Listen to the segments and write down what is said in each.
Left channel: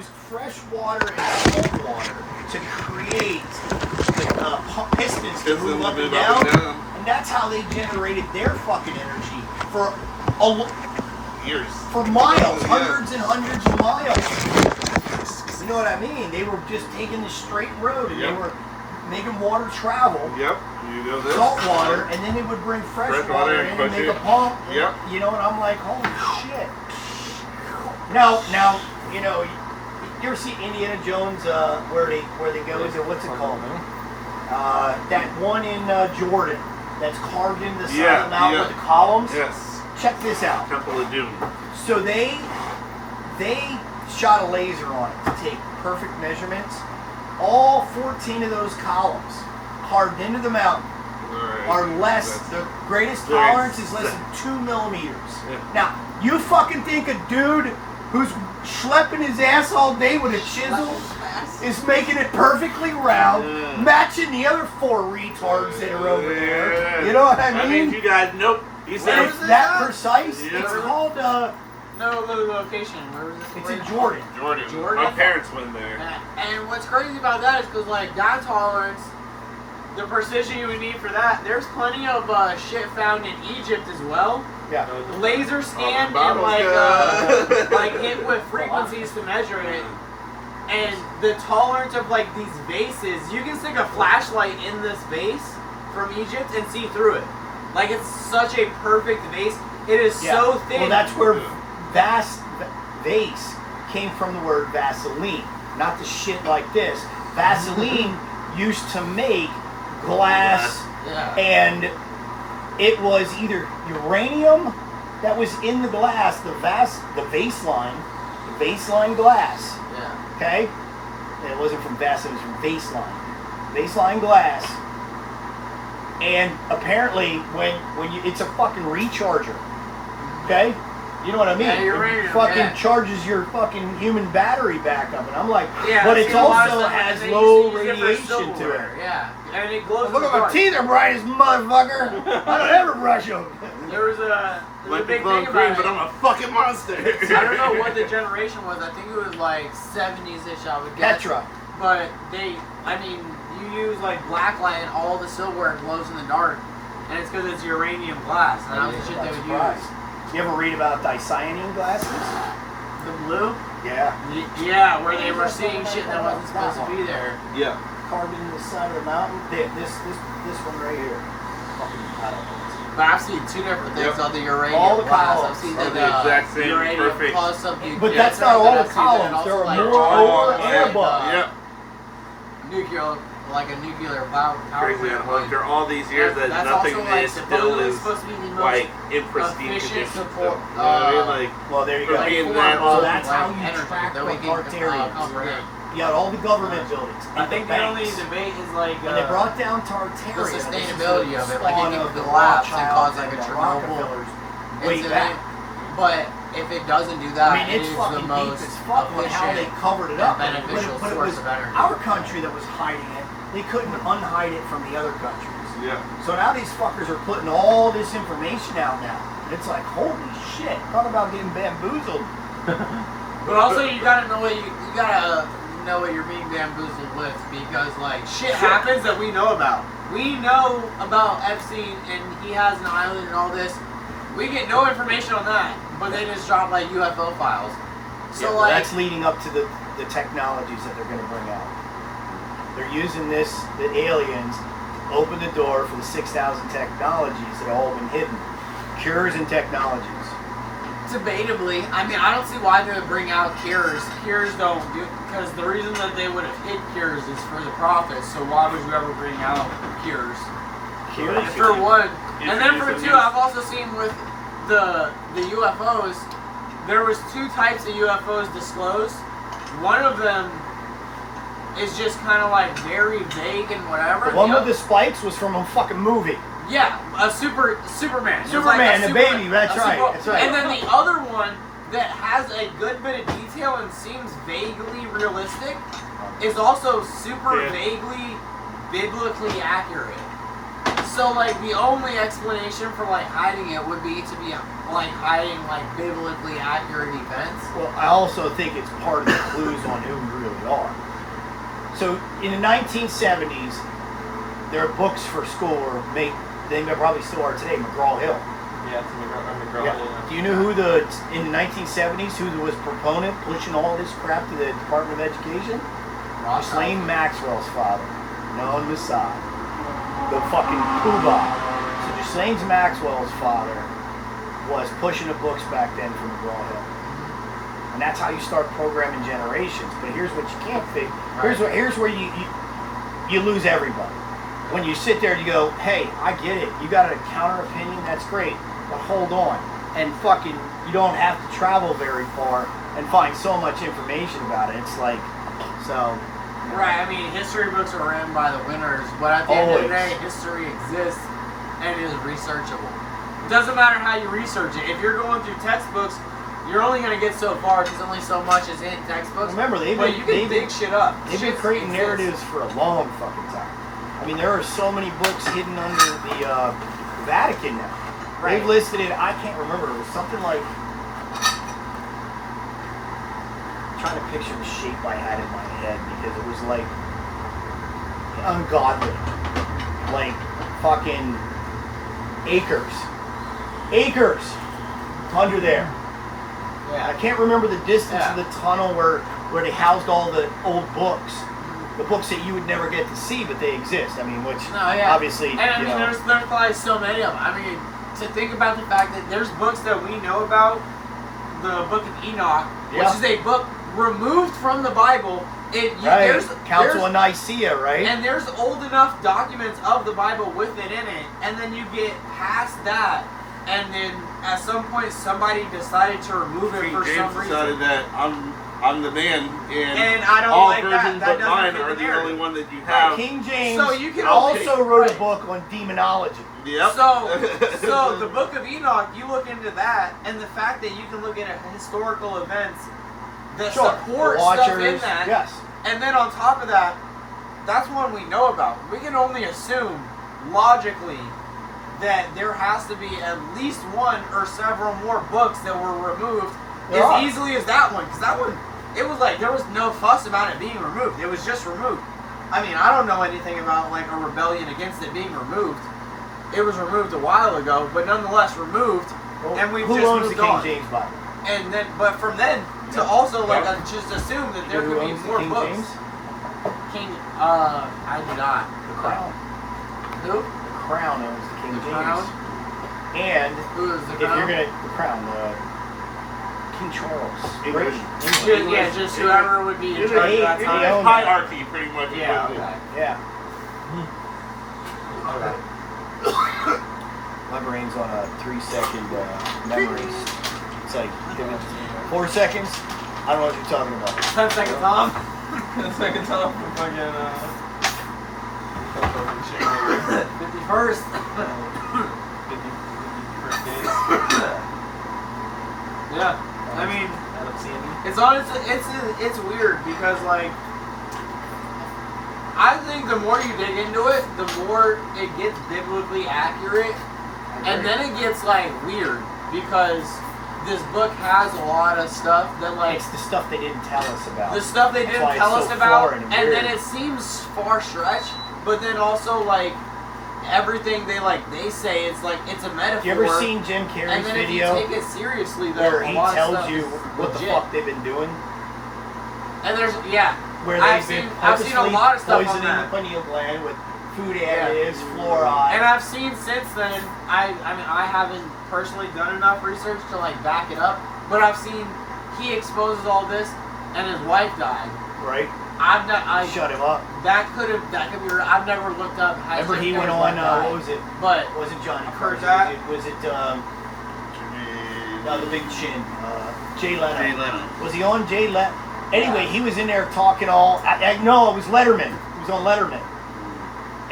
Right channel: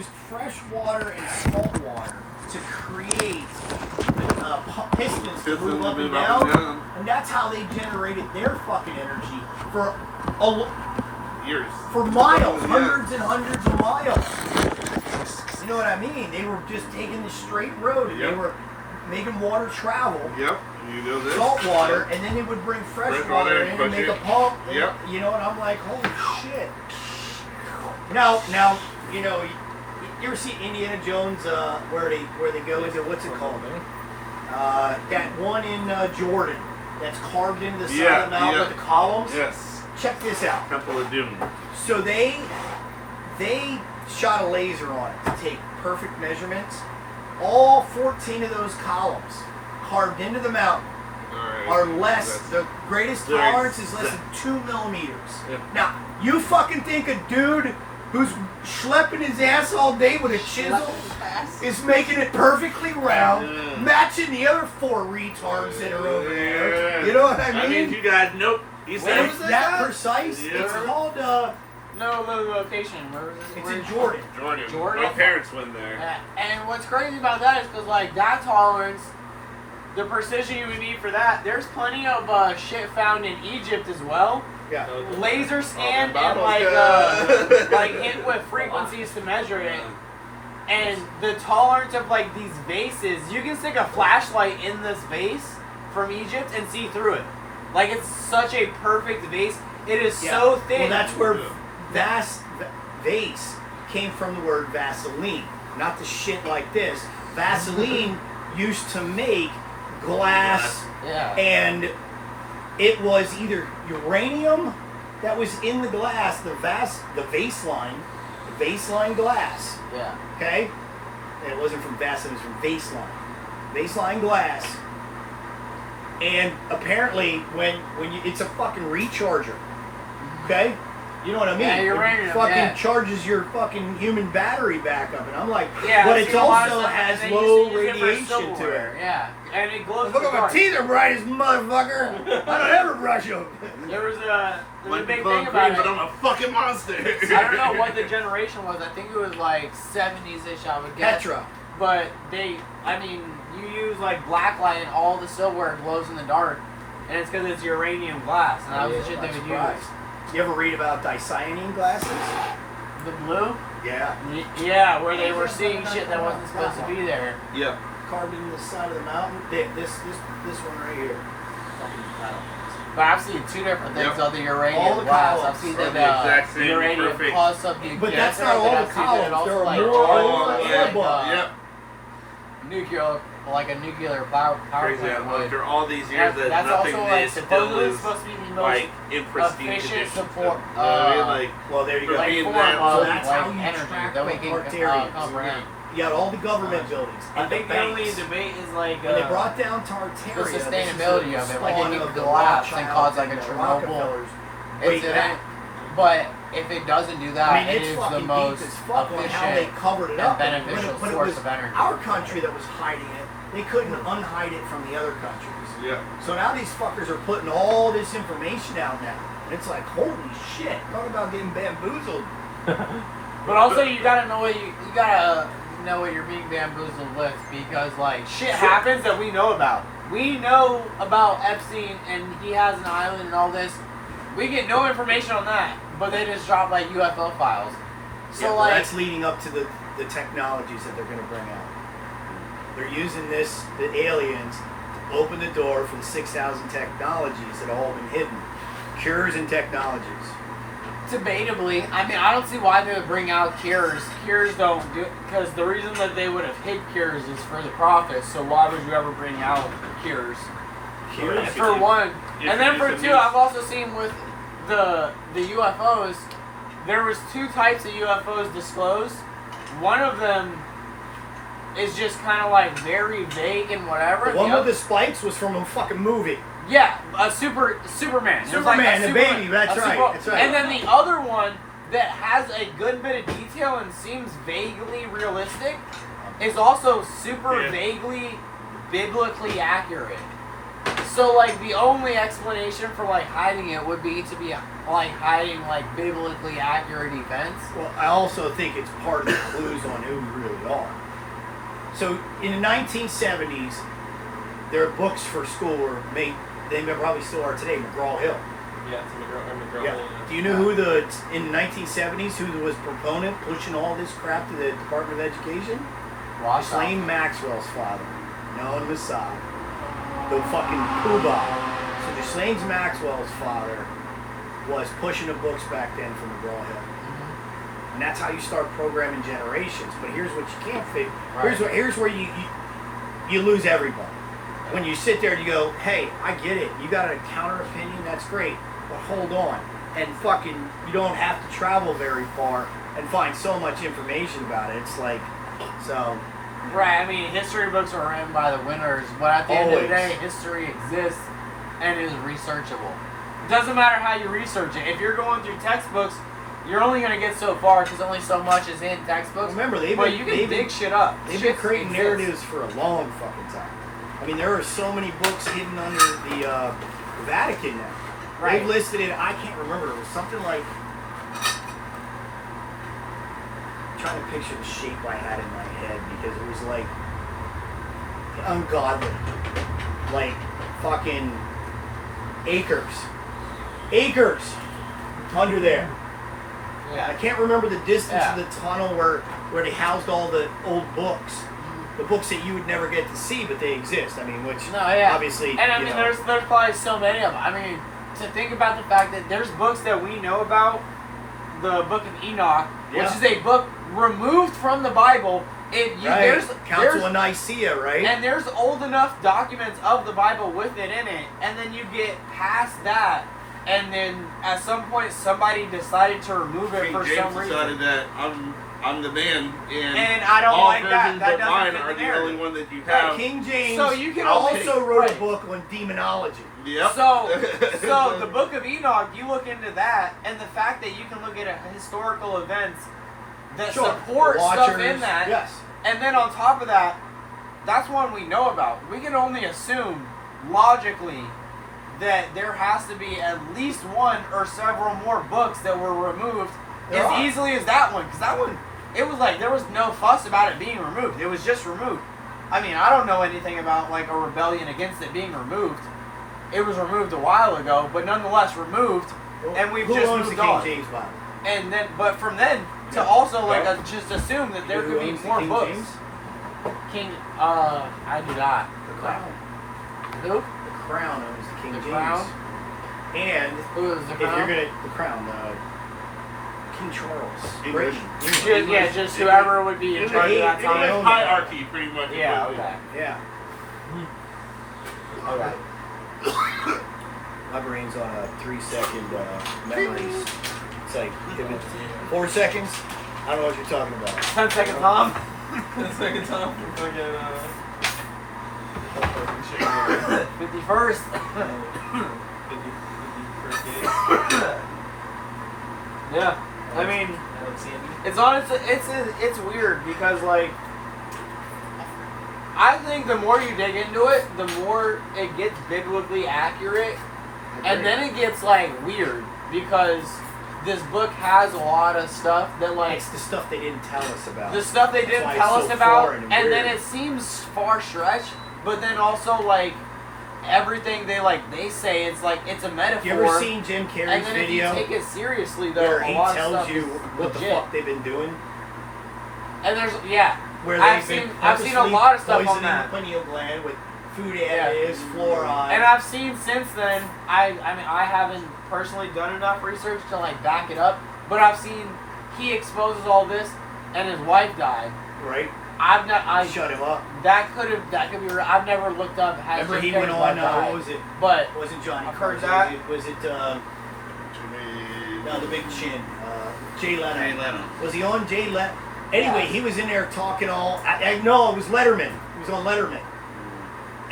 used fresh water and salt water to create the pistons to move up and down, and that's how they generated their fucking energy for years, for miles, hundreds and hundreds of miles. You know what I mean? They were just taking the straight road, and they were making water travel. Yep. You go this. Salt water, and then they would bring fresh water in and make a pump. Yep. You know, and I'm like, holy shit. Now, you know, you ever see Indiana Jones where they go? Is it what's it called? That one in Jordan that's carved into the side of the mountain with the columns. Yes. Check this out. Temple of Doom. So they shot a laser on it to take perfect measurements. All 14 of those columns carved into the mountain are less, the greatest tolerance is less than 2 millimeters. Now, you fucking think a dude who's schlepping his ass all day with a chisel is making it perfectly round, matching the other 4 retards that are over there. You know what I mean? I mean, you guys, nope. It's that precise. It's called, no location. Where was this? It's in Jordan. Jordan. My parents went there. And what's crazy about that is because, like, that tolerance, the precision you would need for that, there's plenty of shit found in Egypt as well. Yeah. Laser scanned and, like hit with frequencies to measure it. And the tolerance of, like, these vases, you can stick a flashlight in this vase from Egypt and see through it. Like, it's such a perfect vase. It is so thin. Well, that's where vase came from the word Vaseline, not the shit like this. Vaseline used to make glass, and it was either uranium that was in the glass, the baseline glass. Yeah. Okay? And it wasn't from Vaseline, it was from baseline. Baseline glass. And apparently, when you, it's a fucking recharger. Okay? You know what I mean? Yeah, uranium, it fucking charges your fucking human battery back up. And I'm like, yeah, but it also has low radiation to it. Yeah. And it glows. Look at my teeth are bright as motherfucker. I don't ever brush them. There was a Might big be thing green, about but I'm a fucking monster. I don't know what the generation was. I think it was like 70s-ish, I would guess. Petra. But you use like black light and all the silver glows in the dark. And it's because it's uranium glass. And that was the shit they would use. You ever read about dicyanine glasses? The blue? Yeah. Yeah, where they were seeing shit that wasn't supposed to be there. Yeah. Carved into the side of the mountain. This one right here. Fucking columns. But I've seen 2 different things on the All uranium the glass. columns I've seen are the the exact same, uranium perfect. plus something. But that's not all the columns. There are more and above. Yep. Nuclear, like a nuclear power Crazy. plant. After all these years, that That's nothing also, like, is still supposedly is supposed to be the most like in pristine efficient condition. support. You know what I mean? Like, Well, there you for go. being form that of, So old. that's how you energy track that we the can Tartarians. comprehend. You got all the government buildings. I and think the only banks. debate is like When they brought down Tartaria, the sustainability this is of it, the like spawn it of could the collapse and Rothschilds cause like a and the Chernobyl Rockefellers way incident. back. But if it doesn't do that, I mean, it it's is fucking the deep most as fuck on how they efficient covered it and up. beneficial But it source was of energy. our country that was hiding it. They couldn't unhide it from the other countries. Yeah. So now these fuckers are putting all this information out now. It's like, holy shit, talk about getting bamboozled. But also, you gotta know what you gotta know what you're being bamboozled with, because like shit happens that we know about. We know about Epstein and he has an island and all this. We get no information on that, but they just drop like UFO files. So Yeah, well, like that's leading up to the technologies that they're going to bring out. They're using the aliens, to open the door for the 6,000 technologies that have all been hidden. Cures and technologies. debatably, I mean, I don't see why they would bring out cures. Cures don't do, because the reason that they would have hid cures is for the profit. So why would you ever bring out cures? Cures? For one, Yes, and then for yes, two, yes. I've also seen with the UFOs, there was 2 types of UFOs disclosed. One of them is just kind of like very vague and whatever. The one with the spikes was from a fucking movie. Yeah, a Superman. It was like Superman, a the baby, that's a right, that's right. And then the other one that has a good bit of detail and seems vaguely realistic is also super vaguely biblically accurate. So like the only explanation for like hiding it would be to be like hiding like biblically accurate events. Well, I also think it's part of the clues on who we really are. So in the 1970s, there are books for school were made. They probably still are today. McGraw-Hill. Yeah, it's McGraw. Yeah. Do you know who in the 1970s who was proponent pushing all this crap to the Department of Education? Ghislaine Maxwell's father, Noah Messiah, the fucking poobah. So Ghislaine Maxwell's father was pushing the books back then from McGraw-Hill. And that's how you start programming generations. But here's what you can't figure. Here's where you lose everybody. When you sit there and you go, hey, I get it. You got a counter opinion, that's great. But hold on. And fucking, you don't have to travel very far and find so much information about it. It's like, so. Right, I mean, history books are written by the winners, but at the end of the day, history exists and is researchable. It doesn't matter how you research it. If you're going through textbooks, you're only going to get so far because only so much is in textbooks. Remember, you can dig shit up. They've been creating narratives for a long fucking time. I mean, there are so many books hidden under the Vatican now. Right. They've listed it, I can't remember, it was something like, I'm trying to picture the shape I had in my head because it was like ungodly. Like fucking acres under there. Yeah. I can't remember the distance of the tunnel where they housed all the old books. The books that you would never get to see, but they exist. I mean, obviously. And I mean, there's probably so many of them. I mean, to think about the fact that there's books that we know about, the Book of Enoch, which is a book removed from the Bible. There's Council of Nicaea, right? And there's old enough documents of the Bible with it in it, and then you get past that, and then at some point somebody decided to remove it for some reason. decided that I'm the man, and I don't all like versions that. but mine are the only one that you Right, have. King James So you can also wrote a book on demonology. Yep. So the Book of Enoch, you look into that, and the fact that you can look at historical events that support stuff in that, yes. And then on top of that, that's one we know about. We can only assume logically that there has to be at least one or several more books that were removed easily as that one, because that one, it was like there was no fuss about it being removed. It was just removed. I mean, I don't know anything about like a rebellion against it being removed. It was removed a while ago, but nonetheless removed, and we've just moved the on. King James Bible? And then, but from then to also like just assume that there could be more King books. James? I do not. The Crown. Who? The Crown owns the King The James. Crown? And Who is the if Crown? you're gonna the Crown, King Charles. English. Just whoever would be in charge of that time. Hierarchy, pretty much. Yeah, okay. Yeah. Okay. My brain's on a 3-second memories. It's like, give it 4 seconds. I don't know what you're talking about. 10 second Tom. The second time for fucking 51st. Yeah. I mean, it's honestly, it's weird because like, I think the more you dig into it, the more it gets biblically accurate, and then it gets like weird because this book has a lot of stuff that like It's the stuff they didn't tell us about. the stuff they didn't That's why tell it's us so about, foreign and and then weird. it seems far-stretched, but then also like everything they say it's like it's a metaphor. You ever seen Jim and Carrey's then video if you take it seriously, though, where a he lot of tells stuff you is what the legit. fuck they've been doing? And there's Where I've they've been seen a lot of stuff on poisoning that. the pineal gland with food additives, fluoride. And I've seen since then, I mean, I haven't personally done enough research to like back it up, but I've seen he exposes all this, and his wife died. Right? I shut him up. That could be. I've never looked up. Remember he went on. What was it? But was it Johnny? I've heard was that. Was it the big chin? Jay Leno. Jay Leno. Was he on Jay Leno? Anyway, he was in there talking all. I know it was Letterman. He was on Letterman.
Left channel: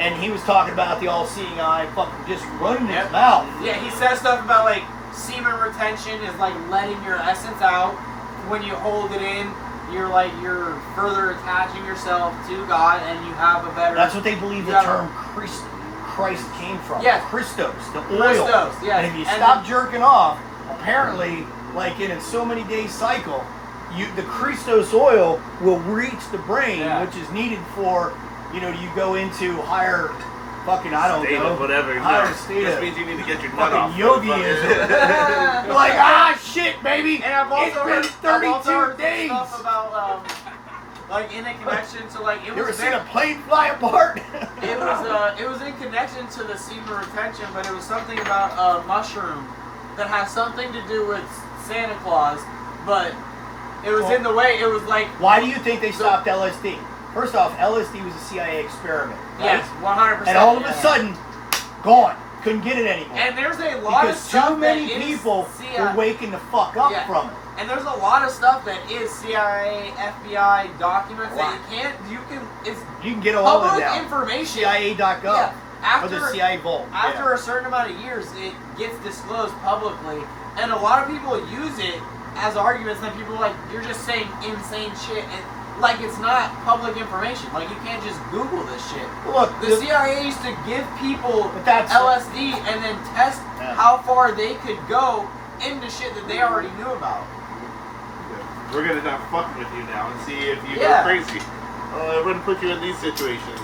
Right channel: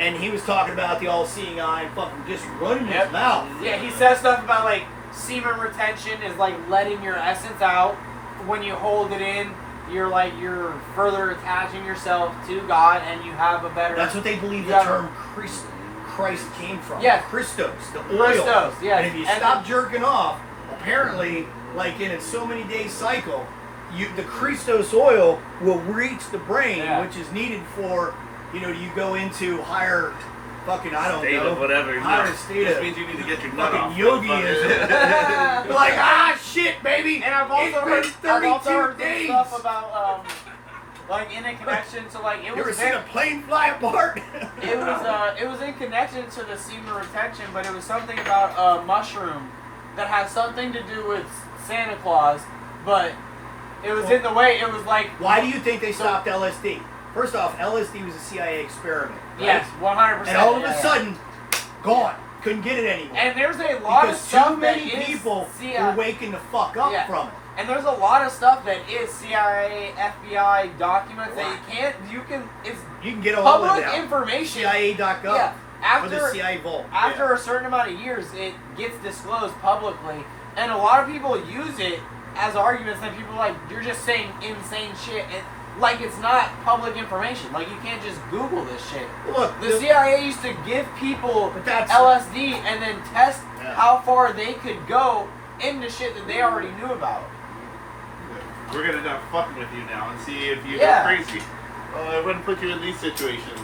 And he was talking about the all-seeing eye and fucking just running his mouth. Yeah, he says stuff about like semen retention is like letting your essence out. When you hold it in, you're further attaching yourself to God, and you have a better. That's what they believe the Yeah. term Christ came from. Yes. Christos, the oil. Christos, yes. And if you And stop then- jerking off, apparently, like in a so many days cycle, the Christos oil will reach the brain, Yeah. which is needed for, you go into higher, fucking, I don't State know, of whatever. higher No. state Just of means you need to get your nut off. fucking yogiism. You're like, shit, baby. And I've also heard, it's I've been also 32 heard some days. stuff about like in a connection to like it You ever was seen a plane fly apart? it was in connection to the semen retention, but it was something about a mushroom that has something to do with Santa Claus, but it was in the way. It was like Why do you think they stopped LSD? First off, LSD was a CIA experiment. Right? yes, 100%. And all of a sudden, gone. Couldn't get it anymore. and there's a lot of Because stuff too many that is people CIA were waking the fuck up Yeah. from it. And there's a lot of stuff that is CIA, FBI documents that you can, it's You can get all of public that. information. CIA.gov. Yeah, Or the after CIA vault. after a certain amount of years, it gets disclosed publicly, and a lot of people use it as arguments. And people are like, you're just saying insane shit, and like it's not public information. Like you can't just Google this shit. Look, The CIA used to give people But that's- LSD and then test Yeah. how far they could go into shit that they already knew about. We're gonna not fuck with you now and see if you Yeah. go crazy. I'm gonna put you in these situations.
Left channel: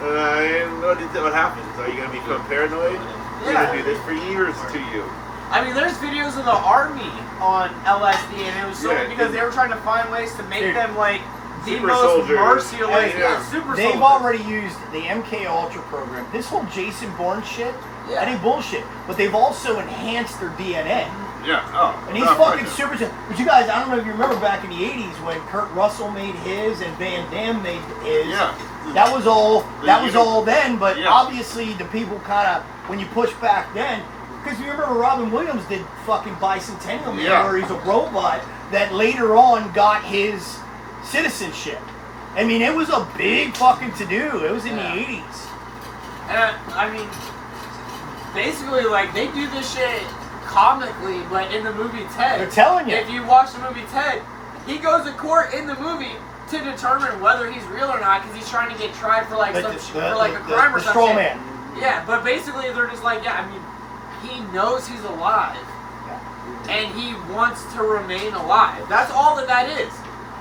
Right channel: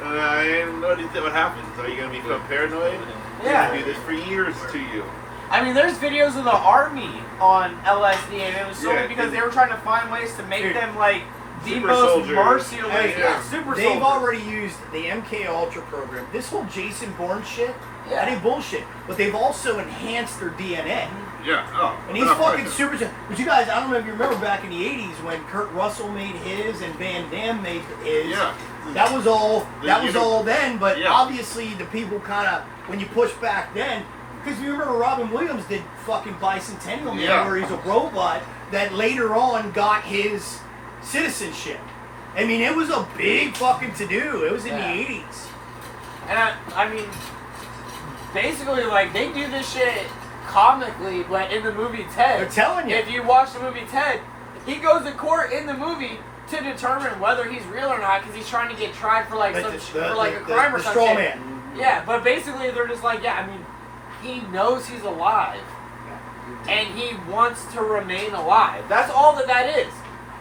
And what happens? Are you gonna become paranoid? We're Yeah. gonna do this for years to you. I mean, there's videos of the army on LSD, and it was solely Yeah, because they were trying to find ways to make Dude, them like the super most soldiers. merciless, Yeah. super They've soldiers. already used the MK Ultra program. This whole Jason Bourne shit, Yeah. that ain't bullshit. But they've also enhanced their DNA. Yeah. Oh. And he's no, fucking no. super. But you guys, I don't know if you remember back in the '80s when Kurt Russell made his and Van Damme made his. Yeah. That was all. That was you know- all then. But Yeah. obviously, the people kind of when you push back then, because you remember Robin Williams did fucking Bicentennial Man, Yeah. where he's a robot that later on got his citizenship. I mean, it was a big fucking to do. It was in Yeah. the '80s. And I mean, basically, like they do this shit comically, but in the movie Ted, They're telling you. if you watch the movie Ted, he goes to court in the movie to determine whether he's real or not because he's trying to get tried for like But some the- for like a the- crime or the something. straw man. Yeah, but basically they're just like, yeah, I mean, he knows he's alive, and he wants to remain alive. That's all that is.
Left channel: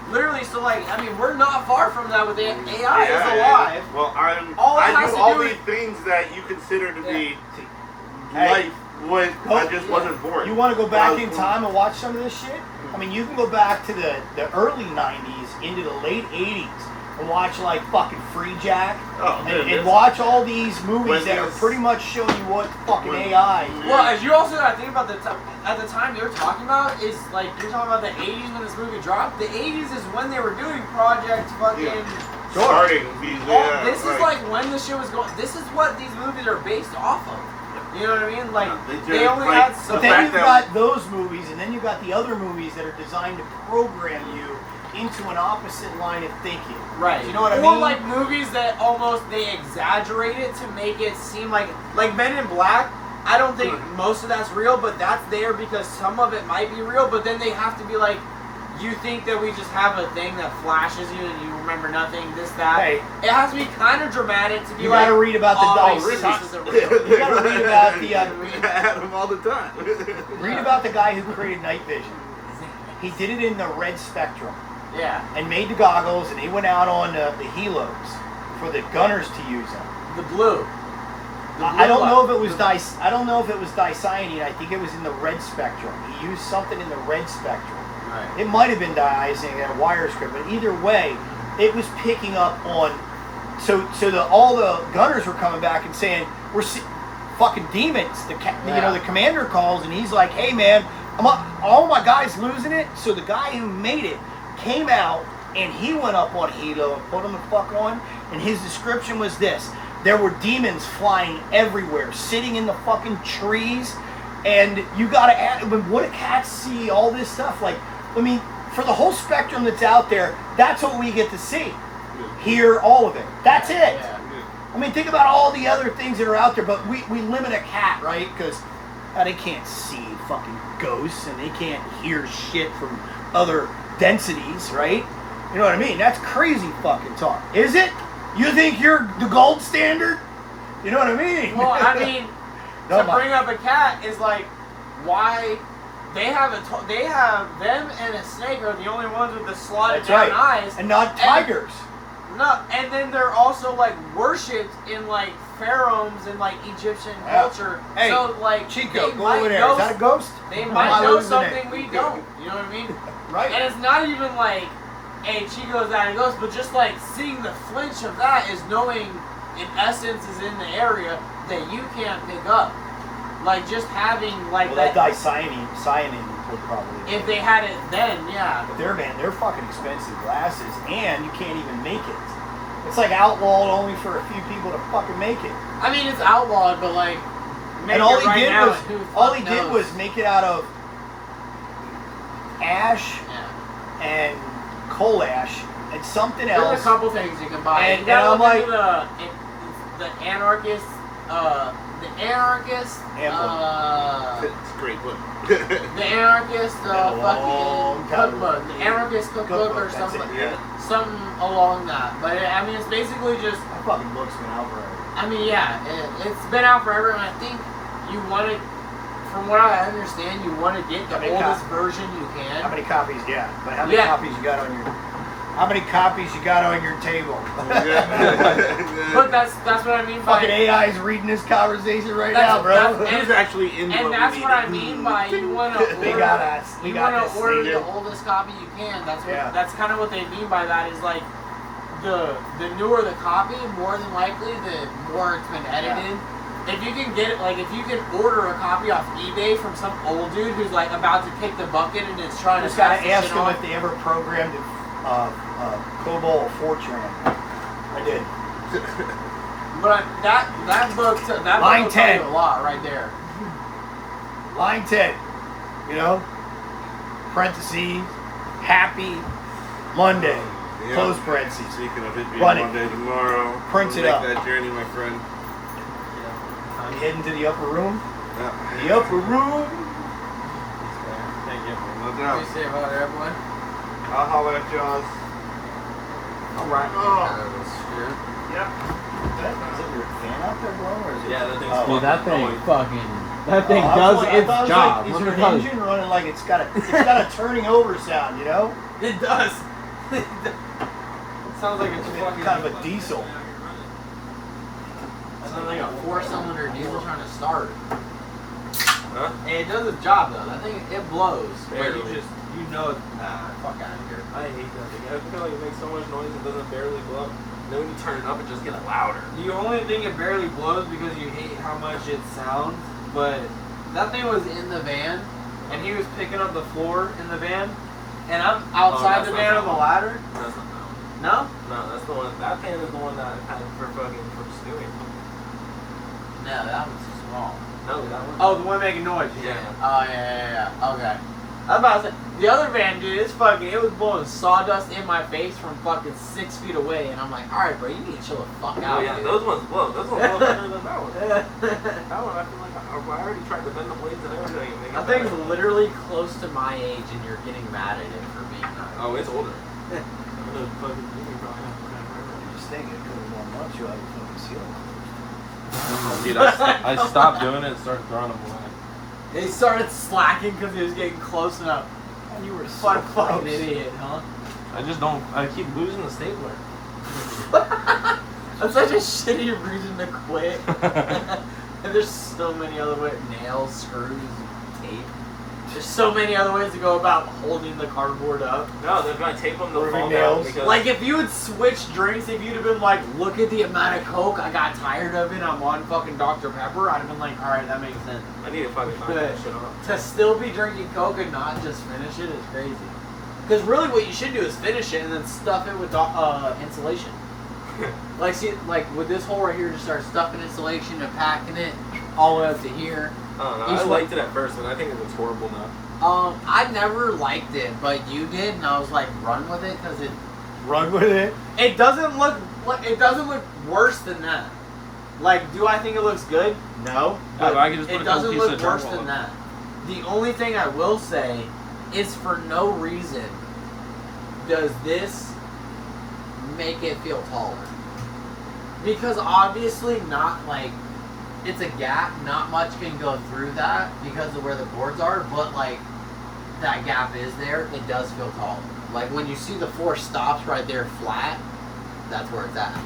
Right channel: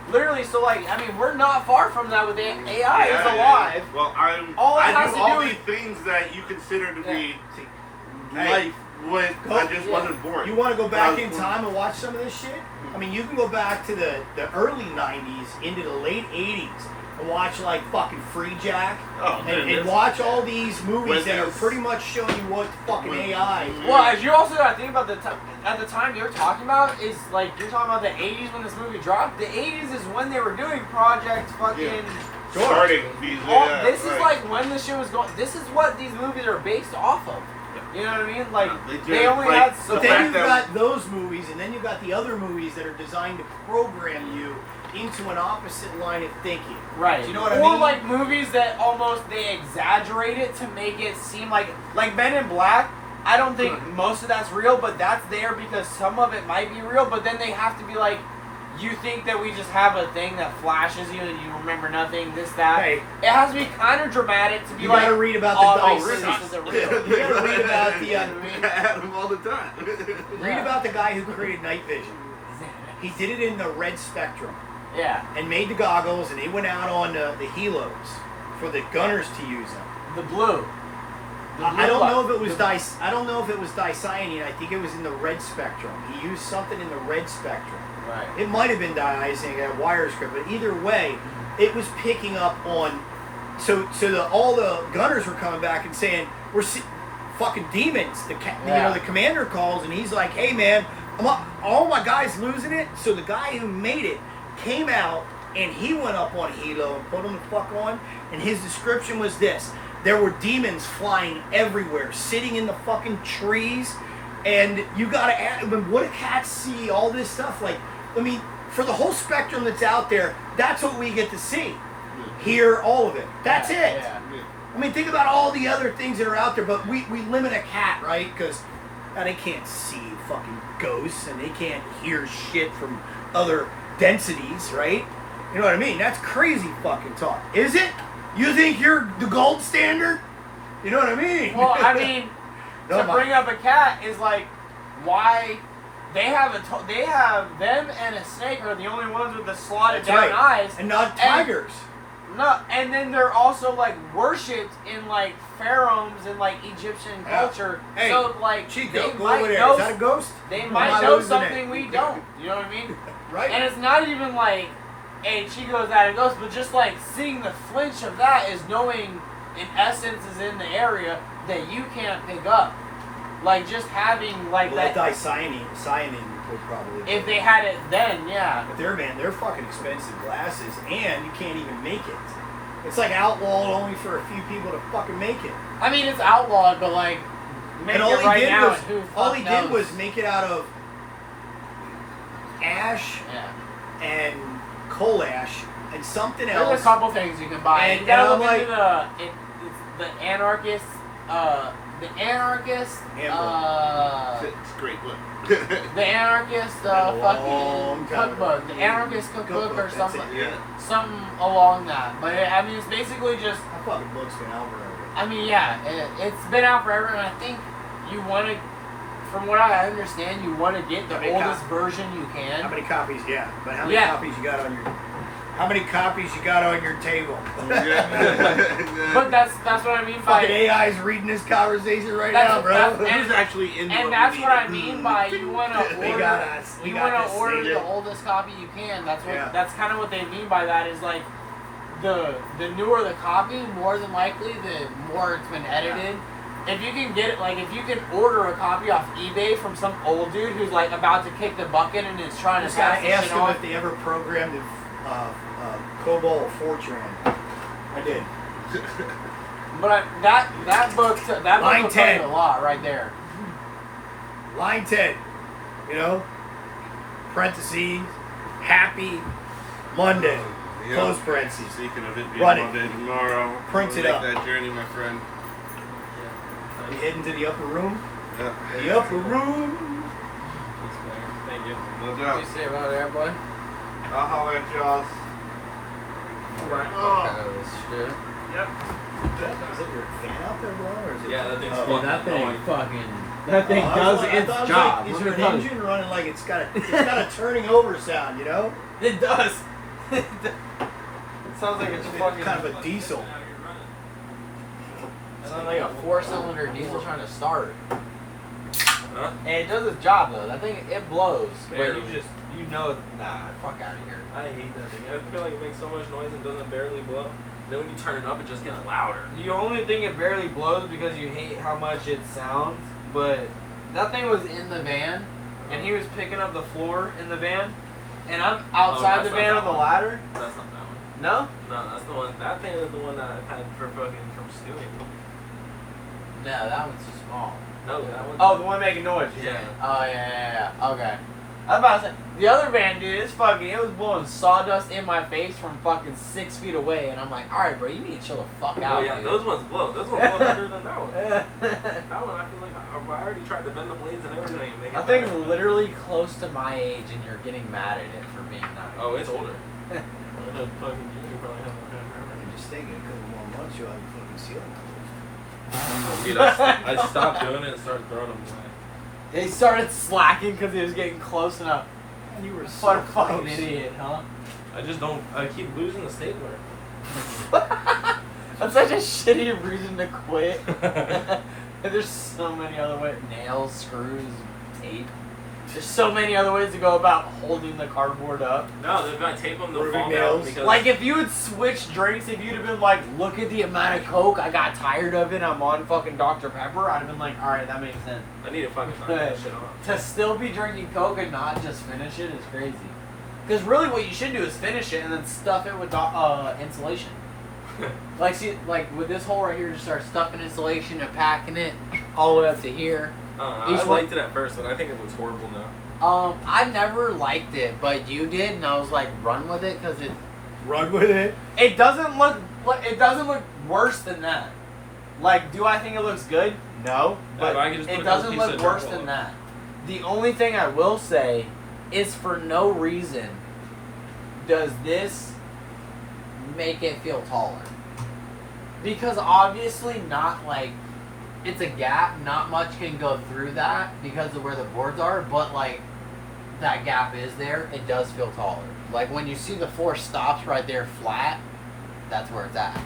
Literally, so like, I mean, we're not far from that with the AI is alive. Well, All it I has do to all do these is- things that you consider to be Hey. life when I just yeah. wasn't born. You want to go back in Um, time and watch some of this shit? I mean, you can go back to the early 90s into the late 80s and watch like fucking Free Jack Oh, man, and this- watch all these movies when that are these- pretty much showing you what fucking when- AI. Well, as you also gotta think about at the time you're talking about is like you're talking about the 80s when this movie dropped. The 80s is when they were doing Project fucking. starting these. This is like when this shit was going. This is what these movies are based off of. You know what I mean? Like Yeah, they just, only like, had the so But then fact you've that- got those movies, and then you've got the other movies that are designed to program you into an opposite line of thinking. right. Do you know what I or mean? like movies that almost they exaggerate it to make it seem like Men in Black. I don't think most of that's real, but that's there because some of it might be real. But then they have to be like, you think that we just have a thing that flashes you and you remember nothing, this, that. Hey. It has to be kind of dramatic to be You like. gotta read about the oh, Dalai this Lama. isn't real. You gotta read about the I had them all the time. read about the guy who created night vision. He did it in the red spectrum. Yeah. And made the goggles, and they went out on the helos for the gunners to use them. The blue. I don't know if it was I don't know if it was dicyanine. I think it was in the red spectrum. He used something in the red spectrum. Right. It might have been diazine and a wire script, but either way, it was picking up on. So all the gunners were coming back and saying fucking demons. The commander calls and he's like, "Hey man, all my guys losing it." So the guy who made it came out and he went up on Hilo and put him the fuck on. And his description was this: there were demons flying everywhere, sitting in the fucking trees, and you gotta add. When what cats see all this stuff, like, I mean, for the whole spectrum that's out there, that's what we get to see, hear all of it. That's it. Yeah. I mean, think about all the other things that are out there, but we limit a cat, right? Because they can't see fucking ghosts and they can't hear shit from other densities, right? You know what I mean? That's crazy fucking talk. Is it? You think you're the gold standard? You know what I mean? Well, I mean, No, to bring up a cat is like why they have they have them and a snake are the only ones with the slotted That's down right. eyes. And not tigers. No, and then they're also like worshipped in like pharaohs in like Egyptian culture. Hey, so like Chico, they go might over there. know Is that a ghost? they Am might I know losing something it? we don't. You know what I mean? Right. And it's not even like, hey, Chico's at a ghost, but just like seeing the flinch of that is knowing in essence is in the area that you can't pick up. Like just having like Well, that. cyanin would probably. If they had it then, yeah. But they're fucking expensive glasses, and you can't even make it. It's like outlawed only for a few people to fucking make it. I mean, it's outlawed, but like, make And all it he right did now. was and who all fuck he knows? did was make it out of ash Yeah. and coal ash and something There's else. a couple things you can buy. And- You gotta and I'm look like- into the anarchist. It's a great one. The anarchist Been a long fucking time cookbook. ago. The anarchist cookbook or That's something. it, yeah. Something along that. But I mean, it's basically just. That fucking book's been out forever. I mean, yeah, it's been out forever, and I think you want to. From what I understand, you want to get the How many oldest version you How can. many copies? Yeah, but how many Yeah. copies you got on your? How many copies you got on your table? But that's what I mean by. Fucking AI's reading this conversation right That's- now, bro. that's- Who's actually in And that's what I mean by you want to They order. got us. We You got want this to order thing. the oldest copy you can. That's what. Yeah. That's kind of what they mean by that. Is like the newer the copy, more than likely, the more it's been edited. If you can get it, like if you can order a copy off eBay from some old dude who's like about to kick the bucket and is trying to Just gotta pass the ask shit them off. if they ever programmed the Cobalt Fortune. I did. But that book that Line book told 10. you a lot right there. Line 10. You know? Parentheses. Happy Monday. Yeah. Close parentheses. Speaking of it being Run it. Monday tomorrow, Print we'll it make up. that journey, my friend. You heading to the upper room? Yeah. The upper room. No What do doubt. you say about it, boy? I'll holler at y'all. Alright. Spirit. Yep. Is it a fan out there, bro? Or is it Yeah, that thing's Oh. fucking That thing annoying. fucking. That thing Oh, I does was- I its thought it was job. Like, is Let your me tell you. engine running like it's got a turning over sound, you know? It does. It sounds like it's fucking Kind of a diesel. It sounds like a 4-cylinder diesel trying to start. Huh? And it does its job though. That thing it blows. But Barely. you know it. Nah, fuck out of here. I hate that thing. I feel like it makes so much noise and doesn't barely blow. Then when you turn it up, it just gets louder. The only thing it barely blows because you hate how much it sounds. But that thing was in the van, and he was picking up the floor in the van, and I'm outside that's the not van that on the one. ladder. That's not that one. No. No, that's the one. That pan is the one that I had for fucking from stewing. No, that one's too small. No, that one. Oh, the one making noise. Yeah. Oh yeah. Okay. I was about to say the other van, dude. It's fucking. It was blowing sawdust in my face from fucking 6 feet away, and I'm like, all right, bro, you need to chill the fuck Oh out, yeah, dude. those ones blow. Those ones blow better than that one. That one, I feel like I already tried to bend the blades and everything. And make it That thing's better. literally close to my age, and you're getting mad at it for being not. Oh, it's older. I'm gonna fucking you probably have to I'm just thinking, a couple more months, you'll have a fucking ceiling. Dude, I stopped doing it and started throwing them away. He started slacking because he was getting close enough. You were What a so fucking close. idiot, huh? I just don't. I keep losing the stapler. That's such a shitty reason to quit. And there's so many other ways. Nails, screws, tape. There's so many other ways to go about holding the cardboard up. No, they're gonna tape them. They'll Rubbing fall down nails. because Like if you had switched drinks, if you'd have been like, look at the amount of Coke, I got tired of it, I'm on fucking Dr. Pepper, I'd have been like, alright, that makes sense. I need to fucking knock that shit off. To still be drinking Coke and not just finish it is crazy. Because really what you should do is finish it and then stuff it with insulation. Like see, like with this hole right here, just start stuffing insulation and packing it all the way up to here. I don't know. Each I one- liked it at first, but I think it looks horrible now. I never liked it, but you did, and I was like, run with it because Run with it. it doesn't look worse than that. Like, do I think it looks good? No, but I can just put it a doesn't couple look pieces of worse drywall than on. that. The only thing I will say is for no reason does this make it feel taller. Because obviously not like it's a gap, not much can go through that because of where the boards are, but like that gap is there, it does feel taller. Like when you see the 4 stops right there flat, that's where it's at.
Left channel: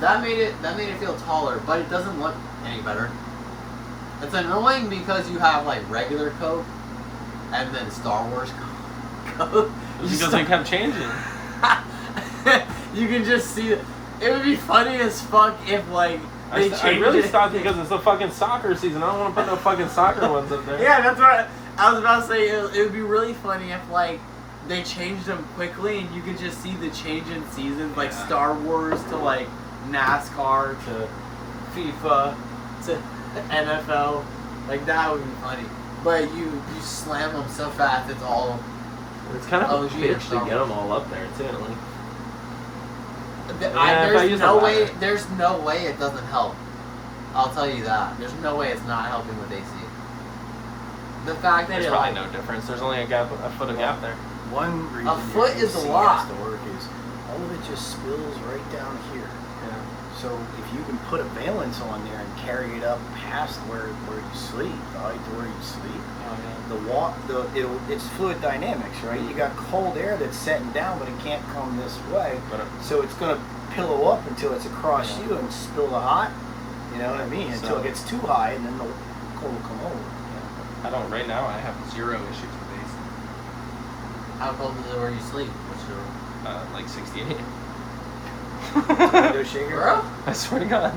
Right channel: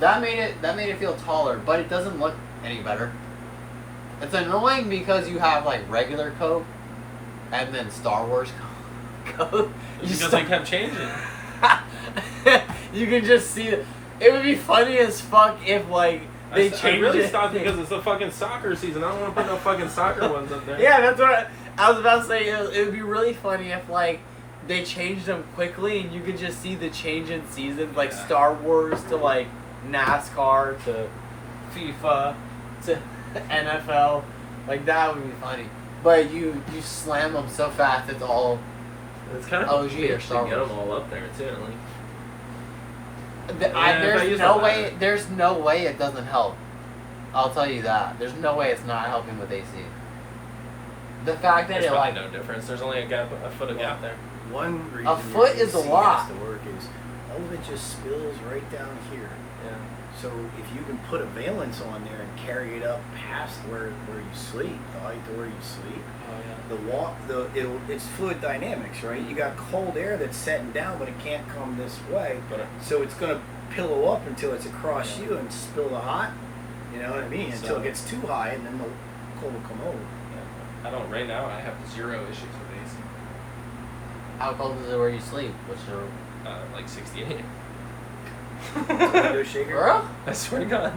That made it feel taller, but it doesn't look any better. It's annoying because you have like regular Coke and then Star Wars Coke. Because they kept changing. You can just see it would be funny as fuck if like they changed I really it. stopped because it's the fucking soccer season. I don't want to put no fucking soccer ones in there. Yeah, that's what I was about to say. It would be really funny if like they changed them quickly and you could just see the change in seasons, like Star Wars to like NASCAR to FIFA to NFL. Like that would be funny. But you slam them so fast, it's all. It's kind of OG a or bitch Star to get Wars. them all up there too. Like, There's no way it doesn't help. I'll tell you that. There's no way it's not helping with AC. The fact that there's it probably like no difference. There's only a foot of gap there. One reason A foot your is a AC lot. has to work is all of it just spills right down here. So if you can put a valence on there and carry it up past where you sleep, right to where you sleep, it's fluid dynamics, right? You got cold air that's setting down, but it can't come this way. So it's going to pillow up until it's across you and spill the hot. You know what I mean? Until it gets too high, and then the cold will come over. I don't. Right now, I have 0 issues with AC. how cold is it where you sleep? What's the Like 68. Another shaver? bro? I swear to God.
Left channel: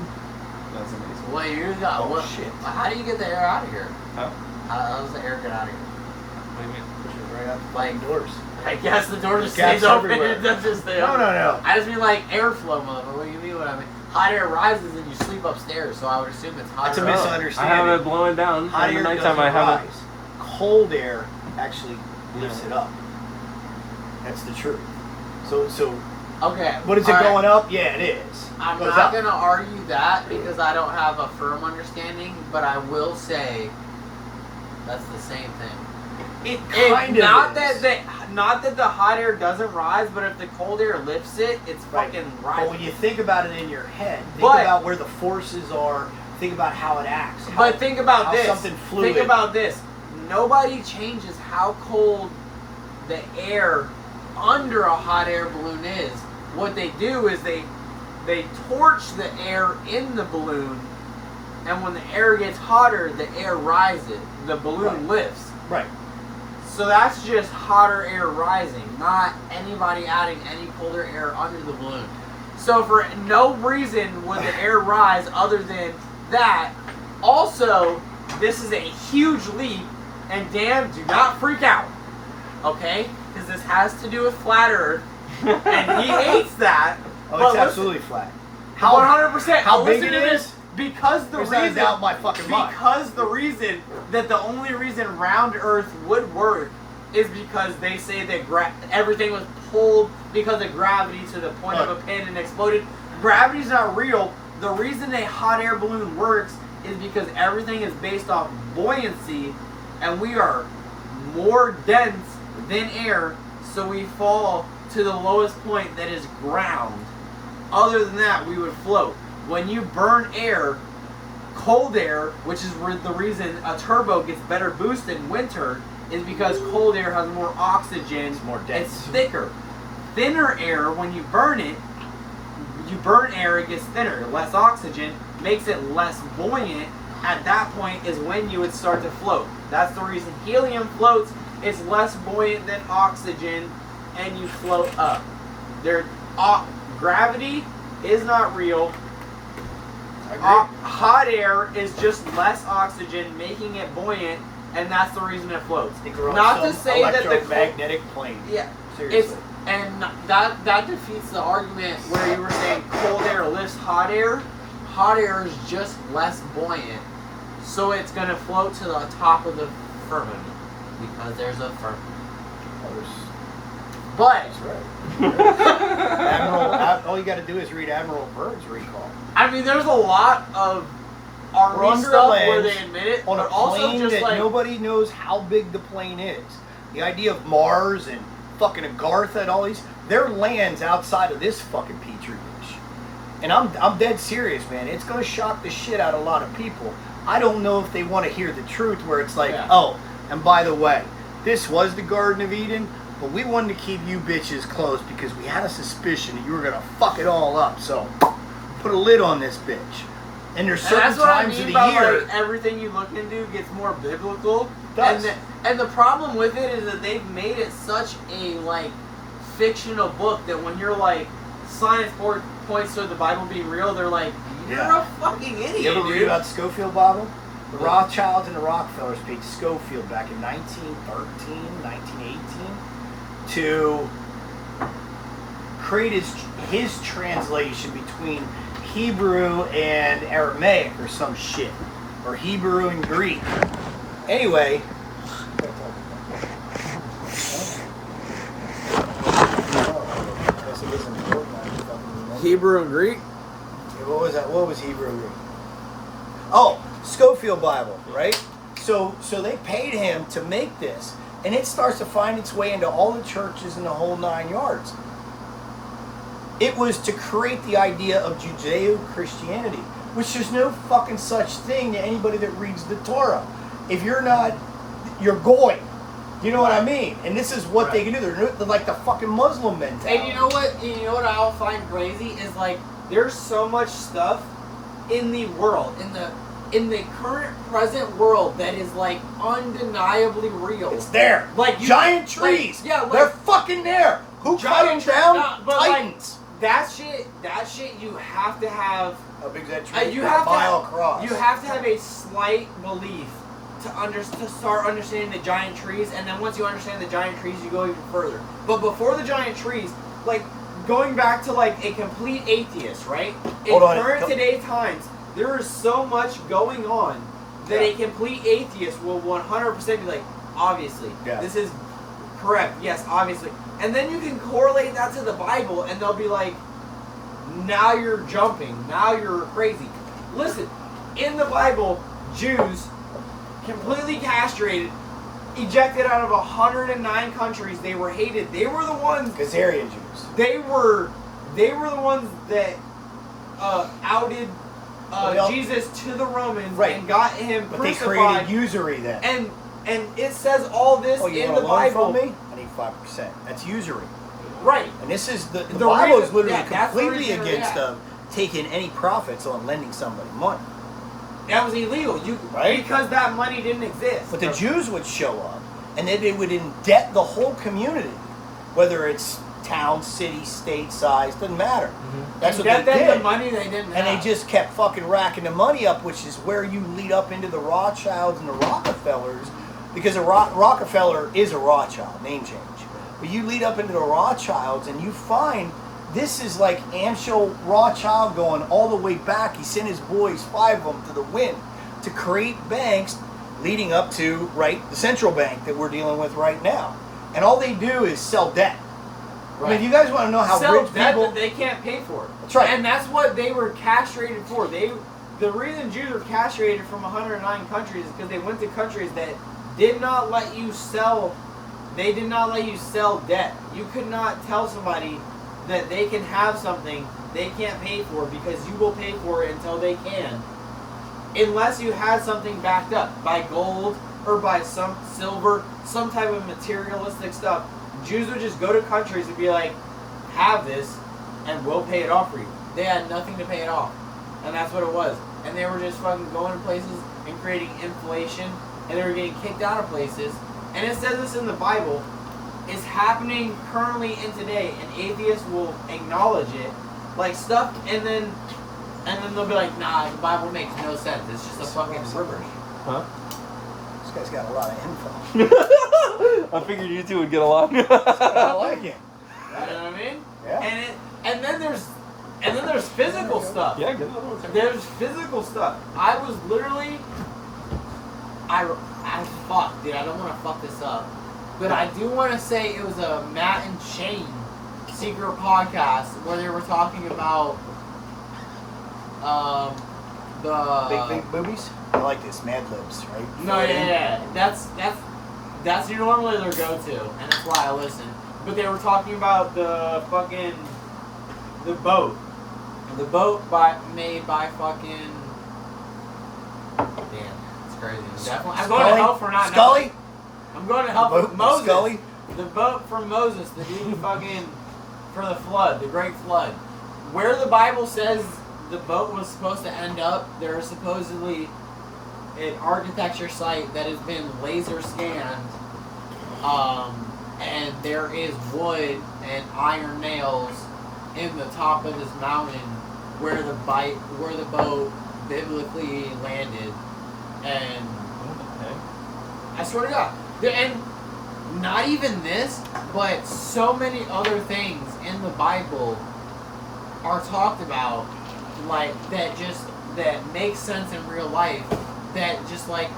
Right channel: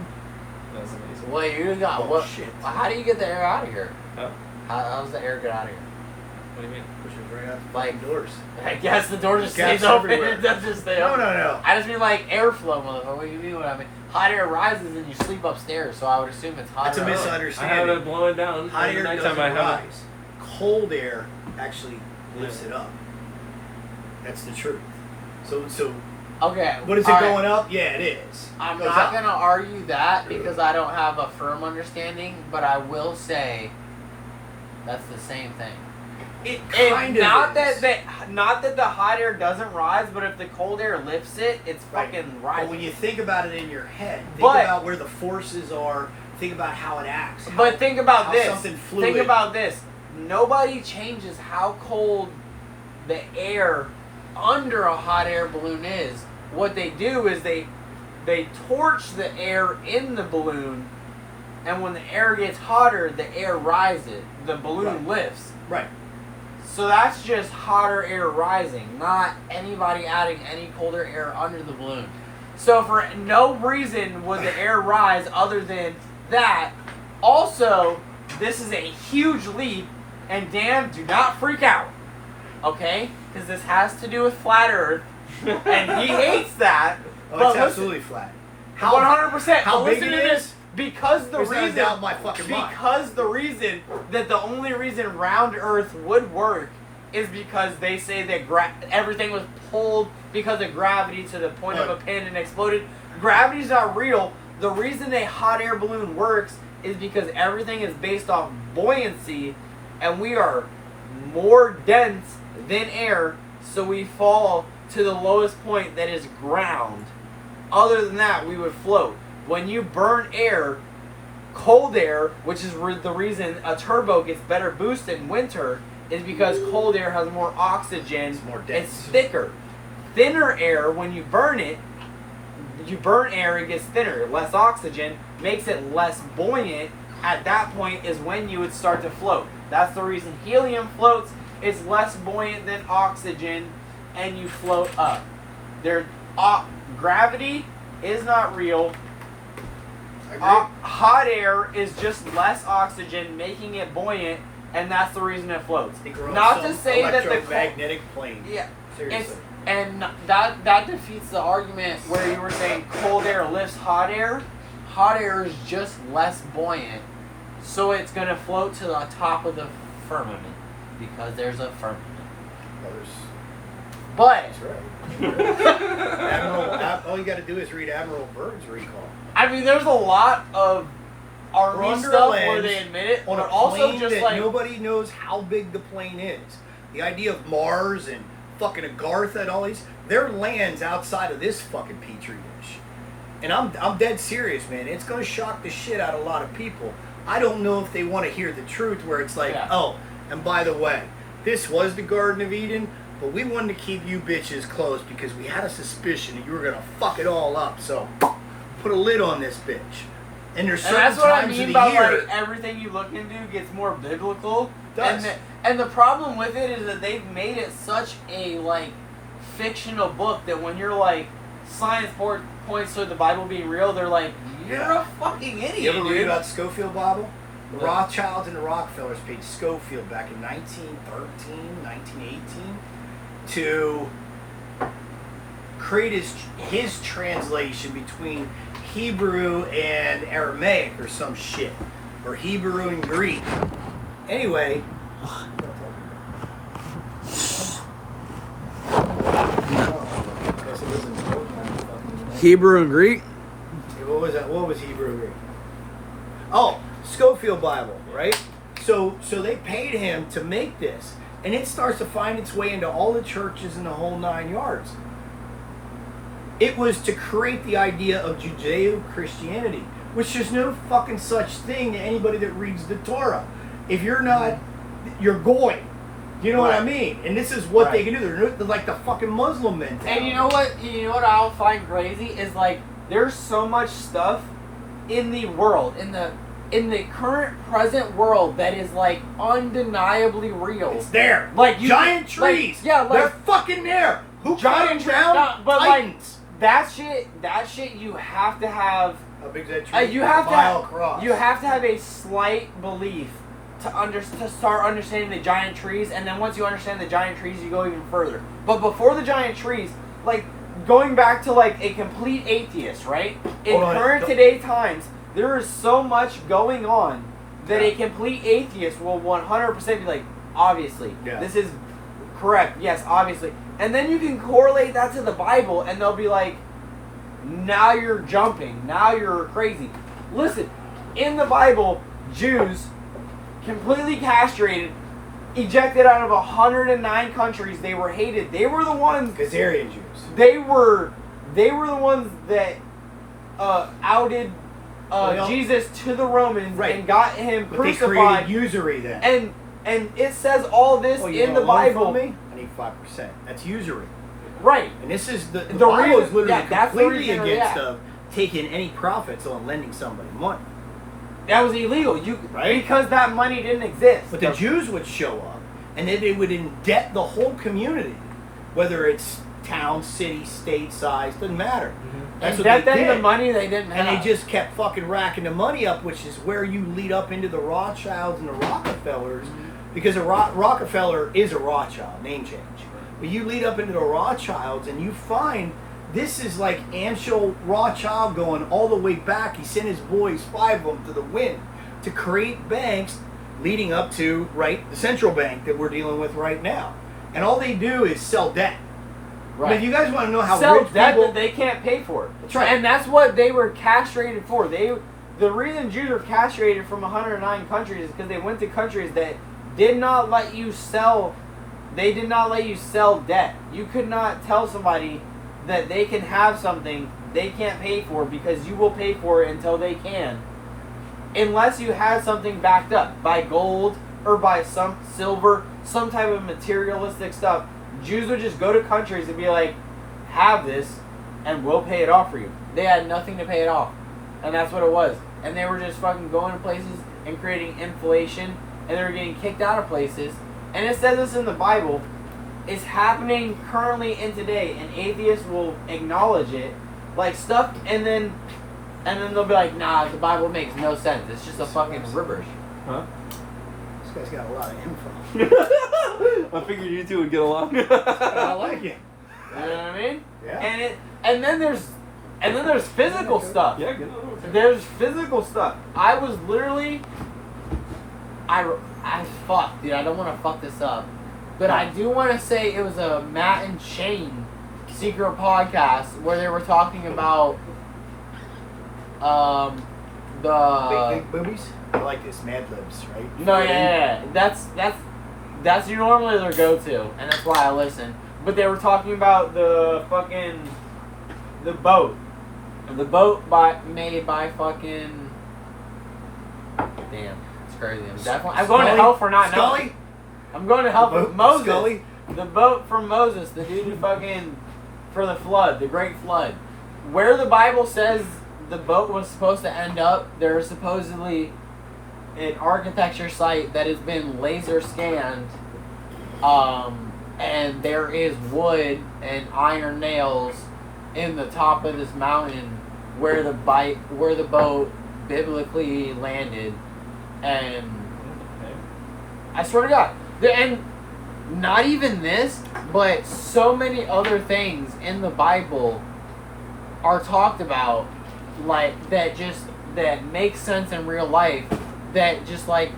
That's amazing. What you got? Oh, What? shit. How do you get the air out of here? Huh? How does the air get out of here? What do you mean? Push it right out the Like- fucking doors. I guess the door just Gas stays open. everywhere. It doesn't just stay No, open. no. I just mean like airflow, motherfucker. What do you mean? What I mean? Hot air rises and you sleep upstairs, so I would assume it's hotter. It's a up. I misunderstanding. have it blowing down. Hot Every air nighttime doesn't I have it. rise. Cold air actually lifts it up. That's the truth. So, Okay. but is it all right. going up? Yeah, it is. I'm Goes not up. gonna argue that because I don't have a firm understanding, but I will say that's the same thing. It It, kind not of is. not that the hot air doesn't rise, but if the cold air lifts it, it's Right. fucking But when rising. you think about it in your head, think But- about where the forces are. Think about how it acts. But think about how this. something fluid. Think about this. Nobody changes how cold the air under a hot air balloon is. What they do is they torch the air in the balloon, and when the air gets hotter, the air rises. The balloon lifts. Right. So that's just hotter air rising, not anybody adding any colder air under the balloon. So for no reason would the air rise other than that. Also, this is a huge leap, and Dan, do not freak out, okay? Because this has to do with flat Earth, and he hates that. Oh, but it's listen, absolutely flat. 100%. how But big listen it to is? this. Because the There's not a reason, doubt in my fucking mind. because the reason that the only reason round Earth would work is because they say that everything was pulled because of gravity to the point of a pin and exploded. Gravity's not real. The reason a hot air balloon works is because everything is based off buoyancy, and we are more dense than air, so we fall to the lowest point that is ground. Other than that, we would float. When you burn air, cold air, which is the reason a turbo gets better boost in winter, is because cold air has more oxygen. It's more dense. It's thicker. Thinner air, when you burn it, you burn air, it gets thinner. Less oxygen makes it less buoyant. At that point is when you would start to float. That's the reason helium floats. It's less buoyant than oxygen, and you float up. Gravity is not real. Hot air is just less oxygen, making it buoyant, and that's the reason it floats. Not to say that the electromagnetic plane. yeah, Seriously. and that defeats the argument where you were saying cold air lifts hot air. Hot air is just less buoyant, so it's gonna float to the top of the firmament because there's a firmament. But All you got to do is read Admiral Byrd's recall. I mean, there's a lot of army We're under stuff land where they admit it, On but a also plane just that like nobody knows how big the plane is. The idea of Mars and fucking Agartha and all these, there are lands outside of this fucking petri dish. and I'm dead serious, man. It's gonna shock the shit out of a lot of people. I don't know if they want to hear the truth, where it's like, oh, and by the way, this was the Garden of Eden, but we wanted to keep you bitches close because we had a suspicion that you were gonna fuck it all up. So put a lid on this bitch. And there's certain that's what I times mean of by the year. like everything you look into gets more biblical. Does. And the problem with it is that they've made it such a like fictional book that when you're like science points to the Bible being real, they're like, you're a fucking idiot, You ever read dude. about Schofield Bible? The Rothschilds and the Rockefellers paid Schofield back in 1913, 1918 to create his translation between Hebrew and Aramaic or some shit. Or Hebrew and Greek. Anyway. Hebrew and Greek? What was that? What was Hebrew and Greek? Oh, Schofield Bible, right? So they paid him to make this. And it starts to find its way into all the churches in the whole 9 yards. It was to create the idea of Judeo-Christianity, which there's no fucking such thing to anybody that reads the Torah. If you're not, you're going. You know what I mean? And this is what they can do. They're like the fucking Muslim mentality. And you know what I'll find crazy is like there's so much stuff in the world, in the current present world that is like undeniably real. It's there. Like giant trees. Like, they're fucking there. Who giant cut them down? no, but Titans. like that shit you have to have. How big is that tree? You have a mile across. You have to have a slight belief to start understanding the giant trees, and then once you understand the giant trees, you go even further. But before the giant trees, like going back to like a complete atheist, right? In current today's times, there is so much going on that a complete atheist will 100% be like, obviously, this is correct. Yes, obviously. And then you can correlate that to the Bible, and they'll be like, now you're jumping. Now you're crazy. Listen, in the Bible, Jews completely castrated, ejected out of 109 countries. They were hated. They were the ones. Khazarian Jews. They were the ones that outed Jesus to the Romans and got him crucified. They created usury then. And it says all this in the Bible. From me? I need 5%. That's usury. Right. And this is the Bible is literally that's completely against taking any profits on lending somebody money. That was illegal. Because that money didn't exist. But the Jews would show up, and then they would indebt the whole community, whether it's town, city, state size, doesn't matter. Mm-hmm. That's what they did. The money they didn't have. And they just kept fucking racking the money up, which is where you lead up into the Rothschilds and the Rockefellers, because a Rockefeller is a Rothschild, name change. But you lead up into the Rothschilds, and you find this is like Amschel Rothschild going all the way back. He sent his boys, 5 of them, to the wind to create banks leading up to, the central bank that we're dealing with right now. And all they do is sell debt. Right. I mean, you guys want to know how sell rich debt people... that they can't pay for. That's right. And that's what they were castrated for. The reason Jews were castrated from 109 countries is because they went to countries that did not let you sell... They did not let you sell debt. You could not tell somebody that they can have something they can't pay for because you will pay for it until they can. Unless you had something backed up by gold or by some silver, some type of materialistic stuff. Jews would just go to countries and be like, have this and we'll pay it off for you. They had nothing to pay it off. And that's what it was. And they were just fucking going to places and creating inflation, and they were getting kicked out of places. And it says this in the Bible. It's happening currently in today, and atheists will acknowledge it, like stuff, and then they'll be like, nah, the Bible makes no sense. It's just a fucking gibberish. Huh? This guy's got a lot of info. I figured you two would get along. I like it. You know what I mean? Yeah. And then there's physical stuff. Yeah, get another one. There's physical stuff. I was literally, I fuck, dude. I don't want to fuck this up, but I do want to say it was a Matt and Shane secret podcast where they were talking about the big boobies. I like this, Mad Libs, right? No, yeah. That's normally their go-to, and that's why I listen. But they were talking about the boat The boat made by fucking. Damn, it's crazy. I'm going to hell for not Scully? knowing. I'm going to hell The for boat, Moses. Scully? The boat from Moses, the dude who fucking for the flood, the great flood. Where the Bible says the boat was supposed to end up, there is supposedly an architecture site that has been laser scanned, and there is wood and iron nails in the top of this mountain where the boat biblically landed, and I swear to God, and not even this, but so many other things in the Bible are talked about, like that make sense in real life, that just like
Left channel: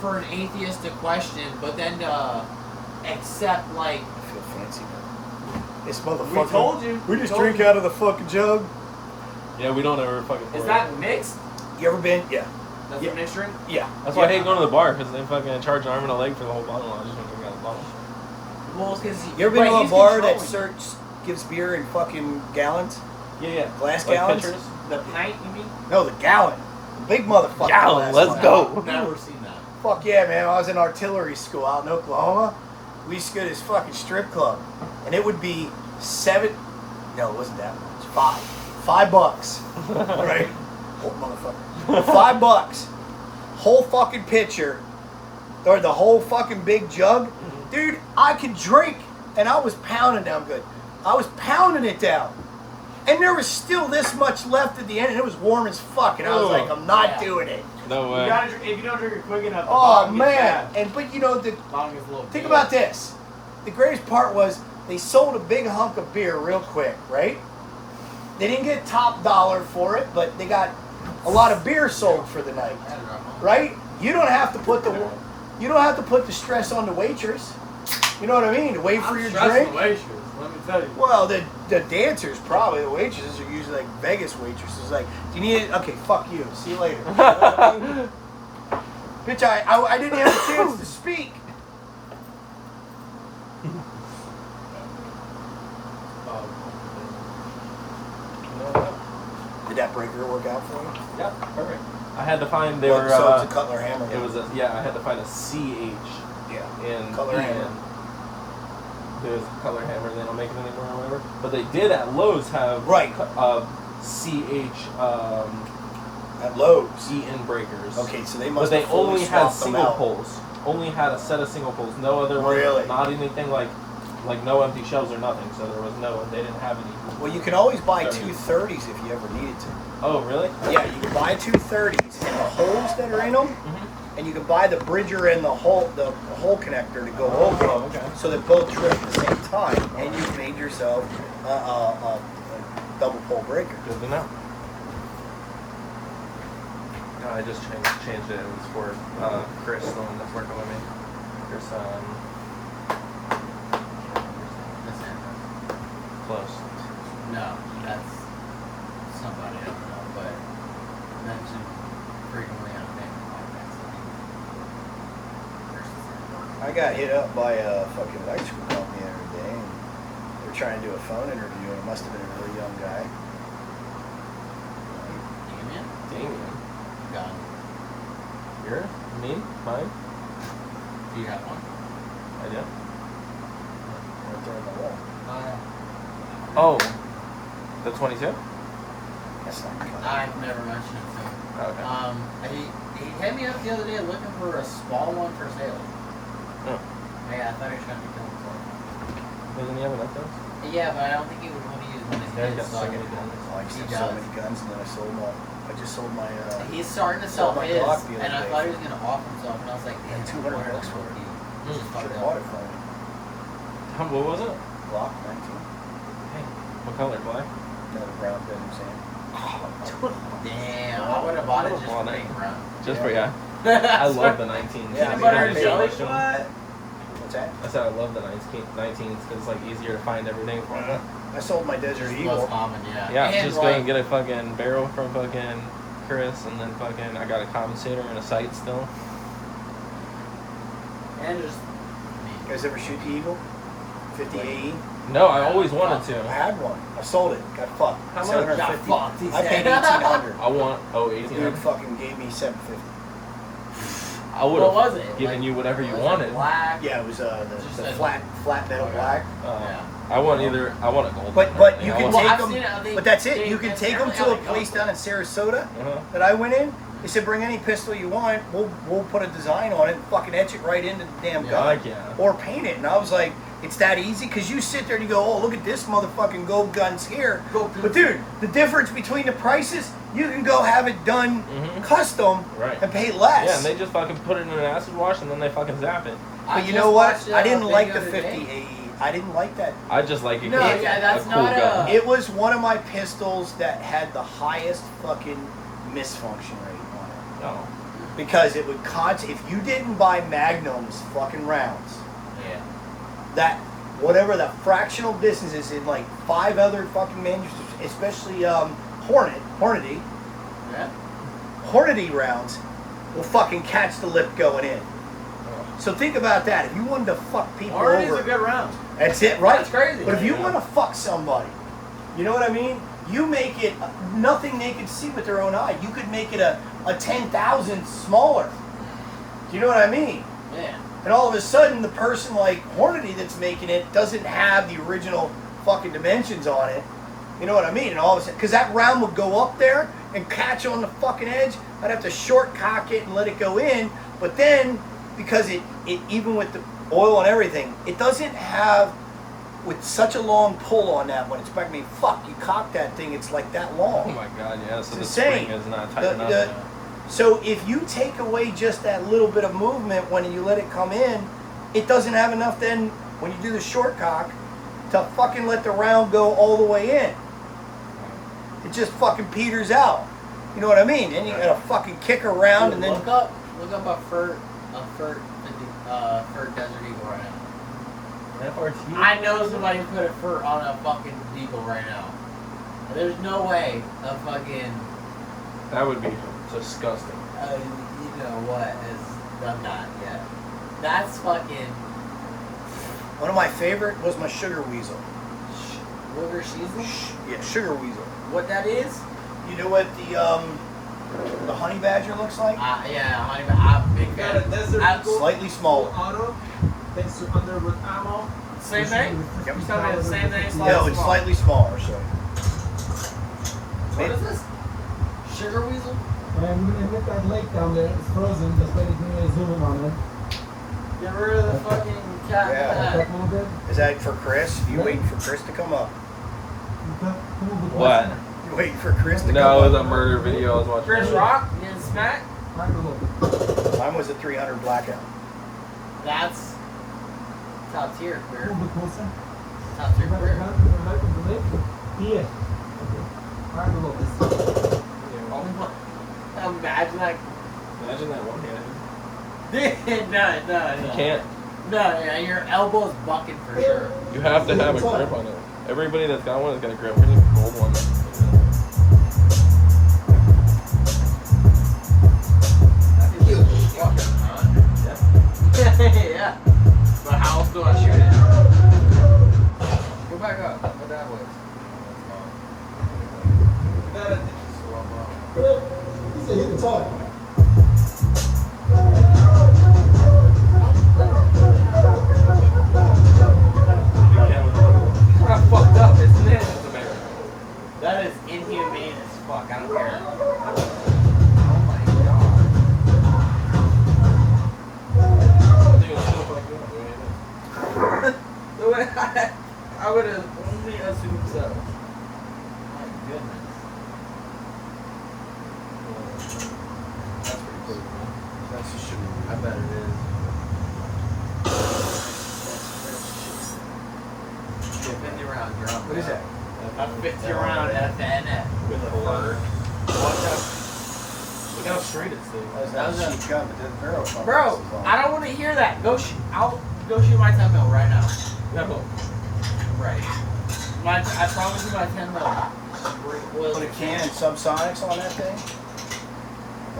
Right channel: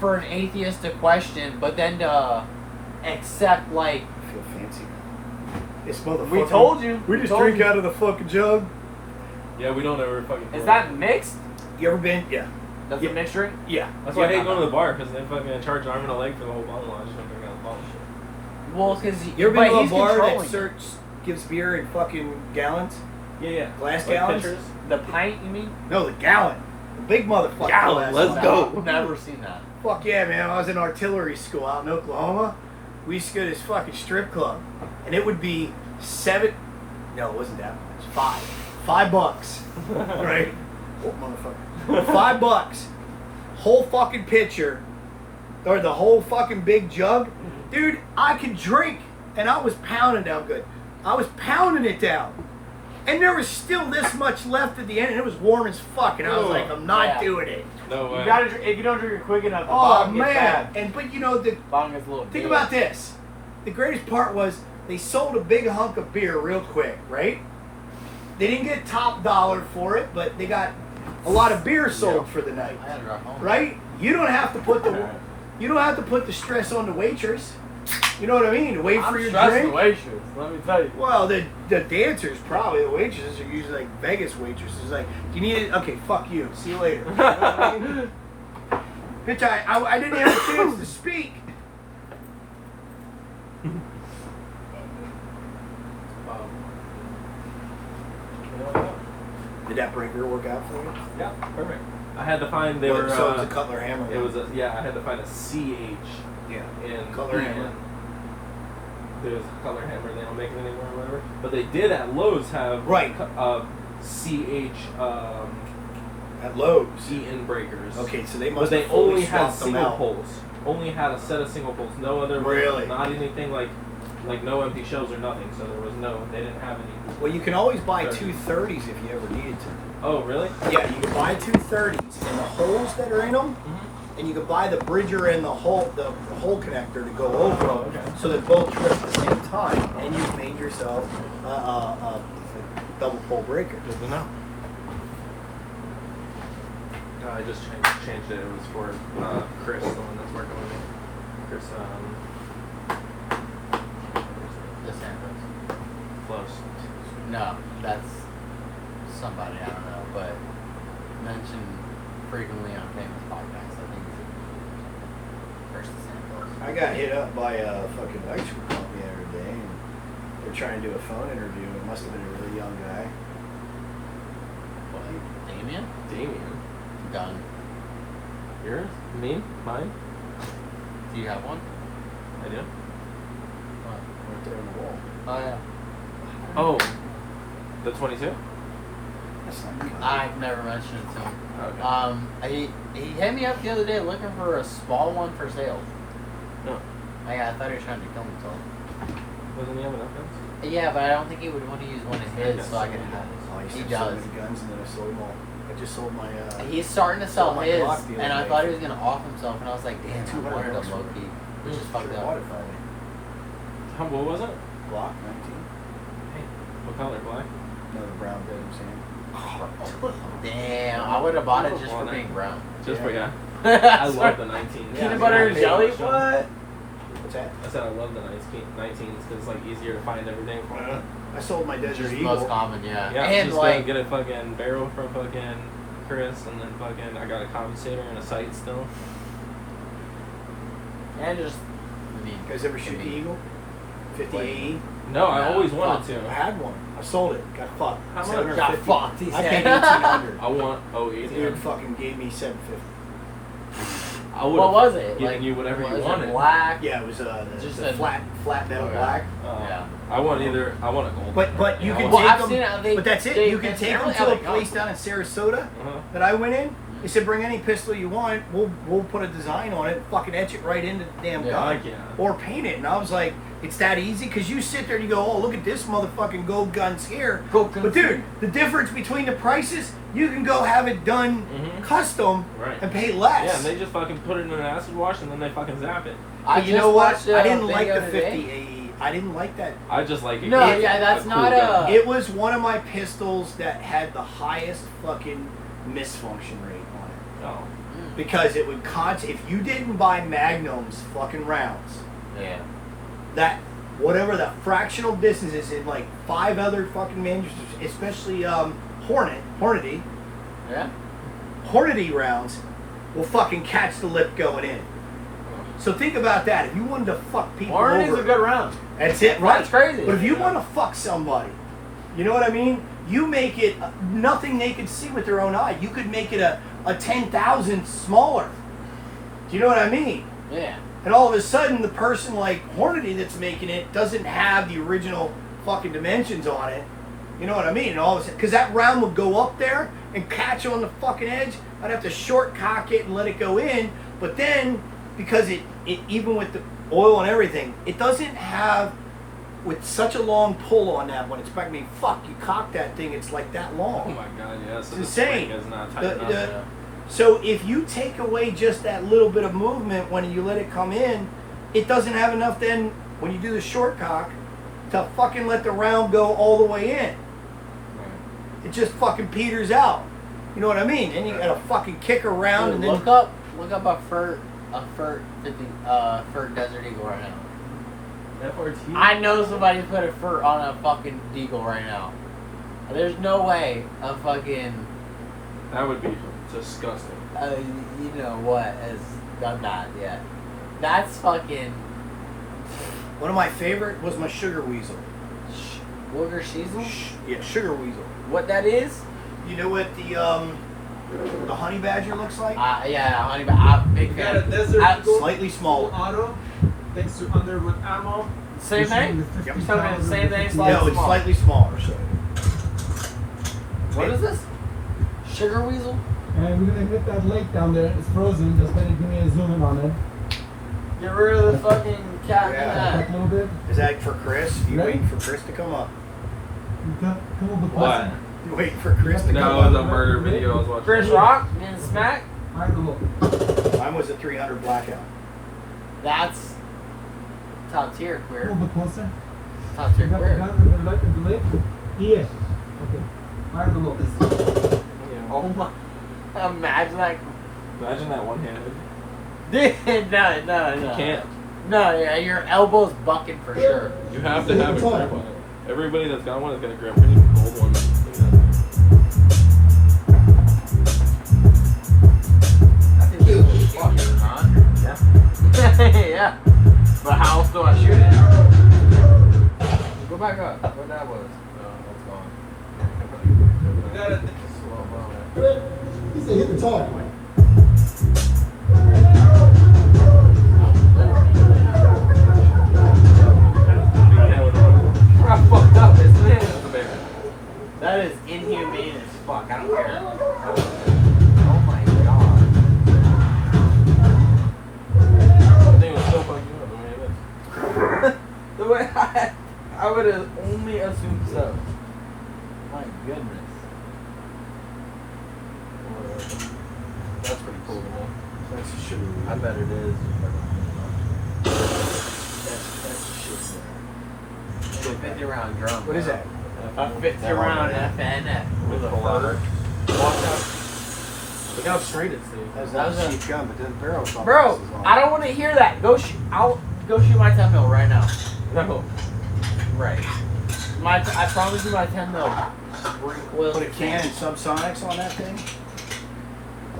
for an atheist to question, but then to accept like. I feel fancy, man. This motherfucker. We told you. We just drink out of the fucking jug. Yeah, we don't ever fucking. Is that mixed? You ever been? Yeah. That's Yeah. a mixed drink? Yeah. That's why I hate going to the bar, because they fucking charge an arm and a leg for the whole bottle. I just don't got a bottle. Well, because You ever been to a bar that gives beer in fucking gallons? Yeah. Glass Like gallons? pitchers. The pint, you mean? No, the gallon. The big motherfucker. Gallon, glass let's one. go. I've never seen that. Fuck yeah, man. I was in artillery school out in Oklahoma. We used to go to this fucking strip club. And it would be no, it wasn't that much. $5. Right? Oh, motherfucker. $5. Whole fucking pitcher. Or the whole fucking big jug. Dude, I can drink. And I was pounding down good. I was pounding it down. And there was still this much left at the end. And it was warm as fuck. And I was like, I'm not doing it. No way. You gotta, if you don't drink it quick enough, the Oh, bottom gets man. bad. But you know, the Bottom gets a little think big. about this. The greatest part was they sold a big hunk of beer real quick, right? They didn't get top dollar for it, but they got a lot of beer sold for the night, I gotta drive home. right? You don't have to put the stress on the waitress. You know what I mean? To wait for I'm your stressing drink. the waitress, let me tell you. Well, the dancers probably. The waitresses are usually like Vegas waitresses. Like, do you need it? Okay, fuck you. See you later. You know what I mean? Bitch, I didn't have a chance to speak. Did that breaker work out for you? Yeah, perfect. I had to find they were. So it's a Cutler hammer. It was I had to find a CH Yeah. in Cutler hammer. It was a Cutler hammer. They don't make them anymore or whatever. But they did at Lowe's have Right. CH At Lowe's. Eaton breakers. Okay, so they But must they have fully only had swapped them single out. poles. Only had a set of single poles. No other. Really? Not anything like no empty shelves or nothing. So there was no. They didn't have any. Well, you can always buy 230s if you ever needed to. Oh really? Yeah, you can buy 230s and the holes that are in them, and you can buy the bridger and the hole connector to go over them, so that both trip at the same time, and you've made yourself a double pole breaker. Good to know. I just changed it. It was for Chris, the one that's working with me. Chris, DeSantis. close. No, that's somebody, I don't know, but mentioned frequently on family podcasts. I think it's DeSantis. I got hit up by a fucking bicycle company the other day, and they're trying to do a phone interview. It must have been a really young guy. Damien? Damien. Gun. Yours? Me? Mine? Do you have one? I do. Right there on the wall. Oh, yeah. Oh. The 22? That's not good. I've never mentioned it to him. Okay. He hit me up the other day looking for a small one for sale. Yeah. I thought he was trying to kill himself. Didn't you have enough Yeah, but I don't think he would want to use one of his, so I could have I used He to have so does. many guns, and then I sold them all. I just sold my. He's starting to sell my his, Glock the and other I day. thought he was going to off himself, and I was like, damn, $200 $200 low key. He just fucked up. Modified it. What was it? Glock 19. What color? Black? No, brown bed, Sam. Damn, I would have bought it just for being brown. Just for Yeah. I love the 19. Peanut butter and jelly? What? What's that? I said I love the 19s because it's like easier to find everything. I sold my Desert Just the Eagle. most common, yeah. Yeah, And just go like, and get a fucking barrel from fucking Chris, and then fucking I got a compensator and a sight still. and just, You guys ever shoot the Eagle? 50 AE? No, I always wanted I to. had one. I sold it. Got fucked. How much? 750. Got fucked, he I said. paid 1,800. I want The dude 1800. fucking gave me 750. I would What have was it? given you whatever you was it wanted. Black. Yeah, it was Just the a- flat metal Okay. black. Yeah. I want a gold. But you can Well, take I've them. seen it. But that's it. They You can take them necessarily to a have place down in Sarasota Uh-huh. that I went in. They said, bring any pistol you want. We'll put a design on it. Fucking etch it right into the damn Yeah. gun. Fuck yeah. Or paint it. And I was like, it's that easy? Because you sit there and you go, oh, look at this motherfucking gold guns here. Gold guns. But dude, the difference between the prices, you can go have it done Mhm. custom Right. and pay less. Yeah, and they just fucking put it in an acid wash and then they fucking zap it. But you just know what? watched a I didn't like video the today. 50 AE. I didn't like that. I just like it. No, It's yeah, that's a not cool a- gun. It was one of my pistols that had the highest fucking misfunction rate on it. No. Because it would if you didn't buy Magnum's fucking rounds, Yeah. that whatever the fractional distance is in like 5 other fucking manufacturers, especially Hornady Yeah. Hornady rounds will fucking catch the lip going in. So think about that. If you wanted to fuck people Hornady's over, a good round. that's it, right? That's crazy. But if you Yeah. want to fuck somebody, you know what I mean? You make it nothing they could see with their own eye. You could make it a 10,000 smaller. Do you know what I mean? Yeah. And all of a sudden, the person like Hornady that's making it doesn't have the original fucking dimensions on it. You know what I mean? And all of a sudden, because that round would go up there and catch on the fucking edge, I'd have to short cock it and let it go in. But then, because it even with the oil and everything, it doesn't have with such a long pull on that one. It's I mean, fuck, you cock that thing, it's like that Oh long. my god, yeah. So It's the insane. spring is not The- tight enough. the- So if you take away just that little bit of movement when you let it come in, it doesn't have enough then when you do the short cock to fucking let the round go all the way in. It just fucking peters out. You know what I mean? And you gotta fucking kick around Dude, and then look up a Furt 50 Furt Desert Eagle right now. FRT? I know somebody put a Furt on a fucking Deagle right now. There's no way a fucking That would be disgusting. you know what has done that yet. That's fucking one of my favorite was my Sugar Weasel. Wooger Season. Yeah, Sugar Weasel. What that is? You know what the Honey Badger looks like? Yeah, honey, but I'm a big You got a fan. Desert Eagle Slightly full smaller. auto, thanks to under with ammo. Same thing? Yep. You telling me the same thing? Slightly No, it's smaller. slightly smaller. So What is this? Sugar Weasel? And we're gonna hit that lake down there. It's frozen. Just let it give me a zoom on it. Get rid of the fucking cat. Yeah. That hold it. is that for Chris? You Yeah. waiting for Chris to come up? You can't hold the What? You waiting for Chris to come No, up? the murder video I was watching. Chris Rock and Smack? Right below. Mine was a 300 blackout. That's top tier A queer. little bit closer. Top tier You got the queer. hand in the lake in the lake? Here. Right below. Oh my. Imagine that. Imagine that one-handed. Dude, no. You can't. No, yeah, your elbow's bucking for sure. You have to have a grip on it. Everybody that's got one has got a grip. We need a gold one. Fucking hot. Yeah. But how else do I shoot it? Go back up. What that was. You got a He said hit the target. I fucked up, isn't it? That's a bear. That is inhumane as fuck. I don't care. Oh my god. I think it was still fucking good the way it looked. The way I would have only assumed so. My goodness. That's pretty cool, man. That's a Sugar I bet it is. That's a Sugar. 50 round drum. What is that? A 50 round FN with a fur. Look how straight it's doing. That was That not was a a- cheap gun, but the barrel fucking Bro, is long. I don't want to hear that. I'll go shoot my 10 mil right now. No. Right. I promise you my 10 mil. Will Put a Canon subsonics on that thing.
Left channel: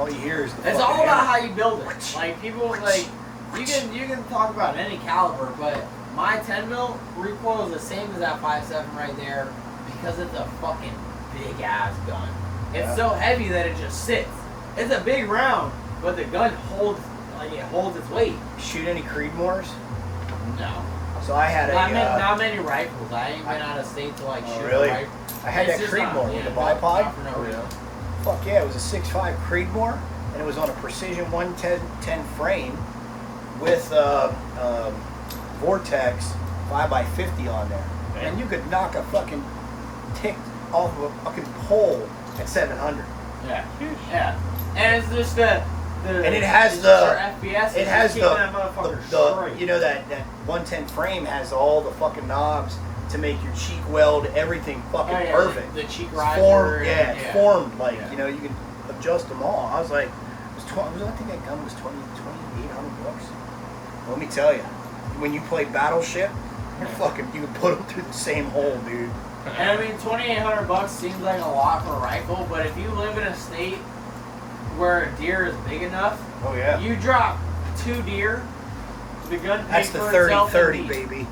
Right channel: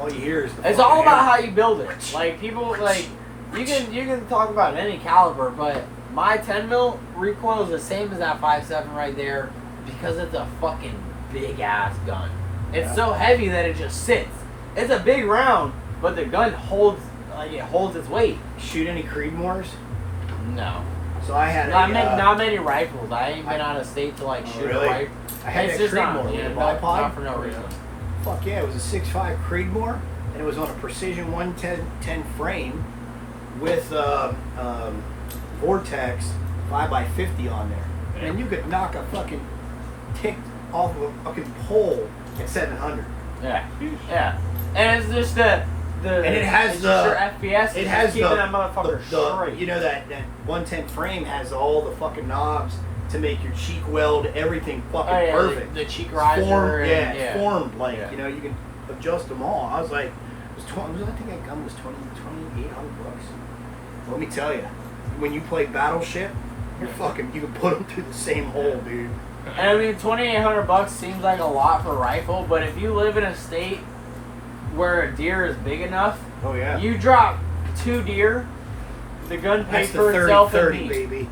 All you hear is the It's fucking all about hammer. how you build it. Like people like you can talk about any caliber, but My 10 mil recoil is the same as that 5.7 right there because it's a fucking big ass gun. It's so heavy that it just sits. It's a big round, but the gun holds its weight. Shoot any Creedmoors? No. So I had Not many rifles. I ain't been out of state to like shoot really? a rifle. I had It's that just not, Creedmoor, yeah, the ball pod. not for no reason. Fuck yeah, it was a 6.5 Creedmoor, and it was on a Precision 110 frame with Vortex 5x50 on there. And you could knock a fucking tick off of a fucking pole at 700. Yeah. Yeah. And it's just the And it has it's the just your FPS. it has keeping the, that motherfucker the straight. you know that 110 frame has all the fucking knobs to make your cheek weld everything fucking Oh, yeah, perfect. The cheek It's riser. formed, and, it's formed like Yeah. you know you can adjust them all. I was like, it was I think that gun was $2,800. Let me tell you, when you play Battleship, you're fucking you can put them through the same hole, dude. And I mean, $2,800 seems like a lot for a rifle, but if you live in a state where a deer is big enough, Oh yeah, you drop 2 deer, the gun pays that's the for itself in 30-30, meat. baby.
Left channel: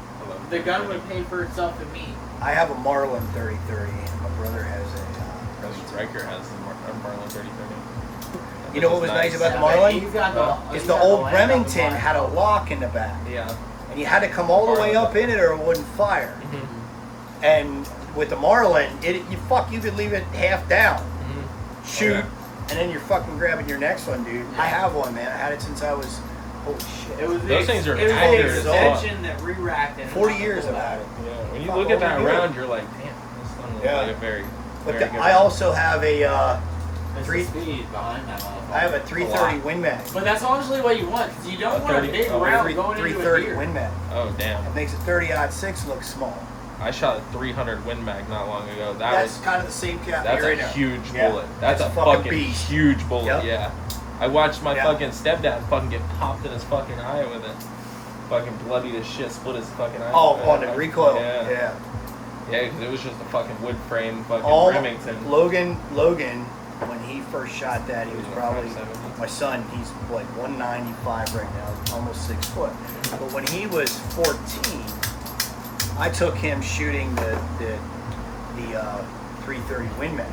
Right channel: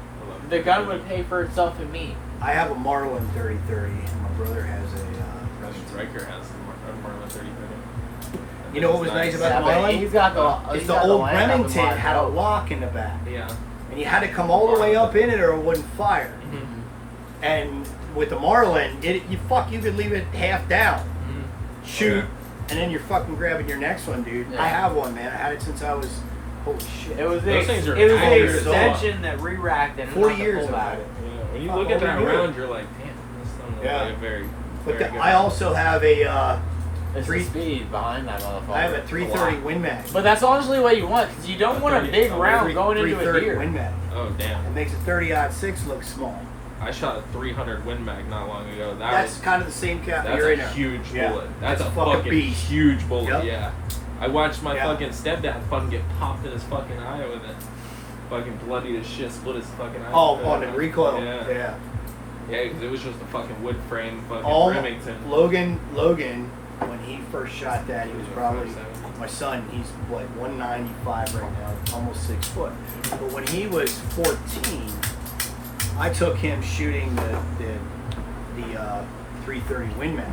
The gun would pay for itself in meat. I have a Marlin 30-30. My brother has a. Riker has the Marlin 30. You know what was nice about Yeah, the but Marlin? he's got the. It's he's the got old land on the Remington Marlin. had a lock in the back, Yeah. and you had to come all the way up in it or it wouldn't fire. And with the Marlin, you could leave it half down, shoot, and then you're fucking grabbing your next one, dude. Yeah. I have one, man. I had it since I was holy shit. It was the, Those things are it was the accurate as extension that re-racked it. 40 years I've had it. When you Fuck, look at that all we do. round, you're like, damn, this one Yeah. like a very, But very good. I also have a It's Three- the speed behind that motherfucker. I have a 330 Win Mag. But that's honestly what you want, because you don't want a big round going into a 330 deer. Win Mag. Oh damn! It makes a 30-06 look small. I shot a 300 Win Mag not long ago. That's kind of the same cap. That's here a right now. huge Yeah. bullet. That's a fucking fucking beast. huge bullet. Yep. Yeah. I watched my Yeah. fucking stepdad fucking get popped in his fucking eye with it. Fucking bloody as shit, split his fucking eye. Oh, on the recoil. Yeah. Yeah. Yeah, because it was just a fucking wood frame fucking All Remington. Logan, when he first shot that, he was probably my son. He's like 195 right now, almost 6 foot. But when he was 14, I took him shooting the 330 Win Mag,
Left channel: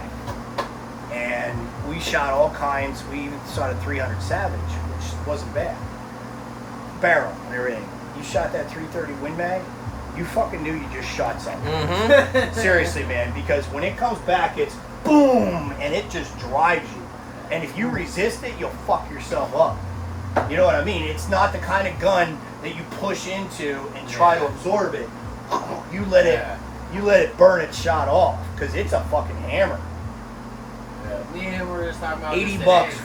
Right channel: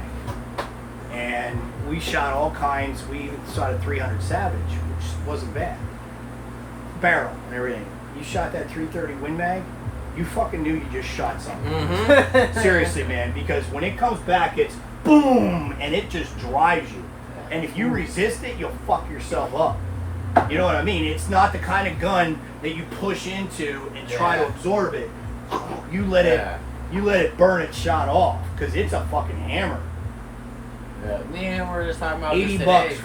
and we shot all kinds. We even shot a 300 Savage, which wasn't bad. Barrel and everything. You shot that 330 Win Mag, you fucking knew you just shot something. Seriously, man, because when it comes back, it's boom, and it just drives you. And if you resist it, you'll fuck yourself up. You know what I mean? It's not the kind of gun that you push into and try to absorb it. You let it burn its shot off, because it's a fucking hammer. Yeah. Me and him were just talking about $80 this bucks today.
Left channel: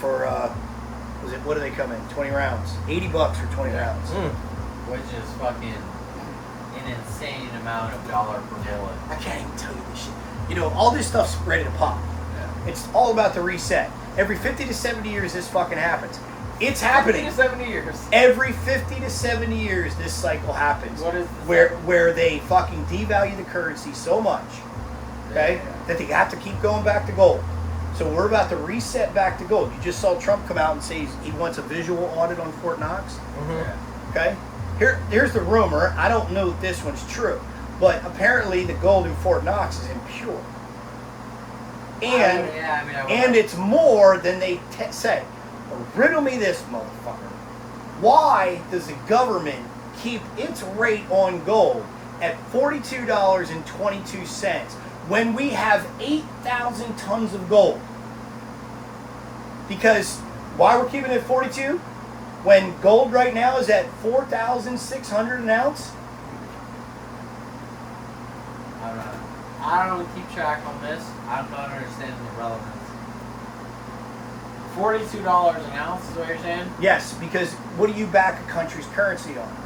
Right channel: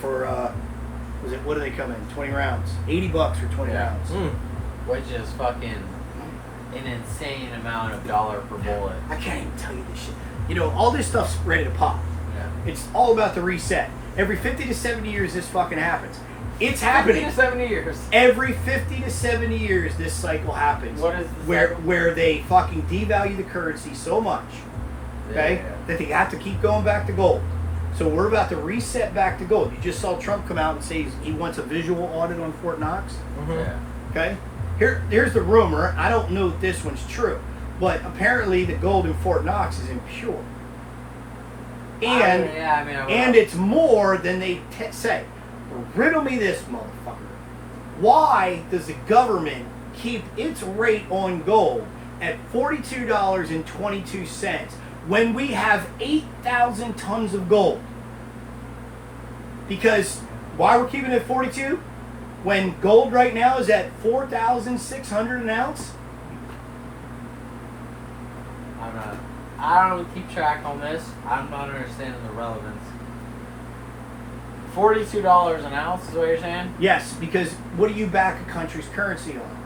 for was it, what do they come in? 20 rounds. $80 for 20 Yeah. rounds. Which is fucking an insane amount of dollar per bullet. I can't even tell you this shit. You know, all this stuff's ready to pop. Yeah. It's all about the reset. Every 50 to 70 years, this fucking happens. It's 50 happening. to 70 years. Every 50 to 70 years, this cycle happens. What is this where they fucking devalue the currency so much, okay, that they have to keep going back to gold. So we're about to reset back to gold. You just saw Trump come out and say he wants a visual audit on Fort Knox. Yeah. Okay, here's the rumor. I don't know if this one's true, but apparently the gold in Fort Knox is impure, and and it's more than they say. Riddle me this, motherfucker. Why does the government keep its rate on gold at $42.22 when we have 8,000 tons of gold? Because why we're keeping it at 42 when gold right now is at 4,600 an ounce? I don't know. I don't keep track on this. I'm not understanding the relevance. $42 an ounce is what you're saying? Yes, because what do you back a country's currency on?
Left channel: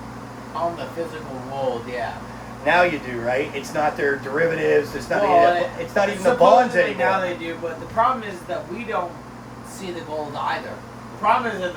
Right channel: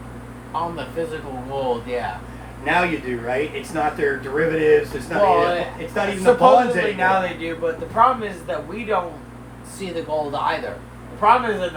On the physical gold, yeah. Now you do, right? It's not their derivatives. It's not. Well, it's not even the bonds supposedly anymore. now they do, but the problem is that we don't see the gold either. The problem is that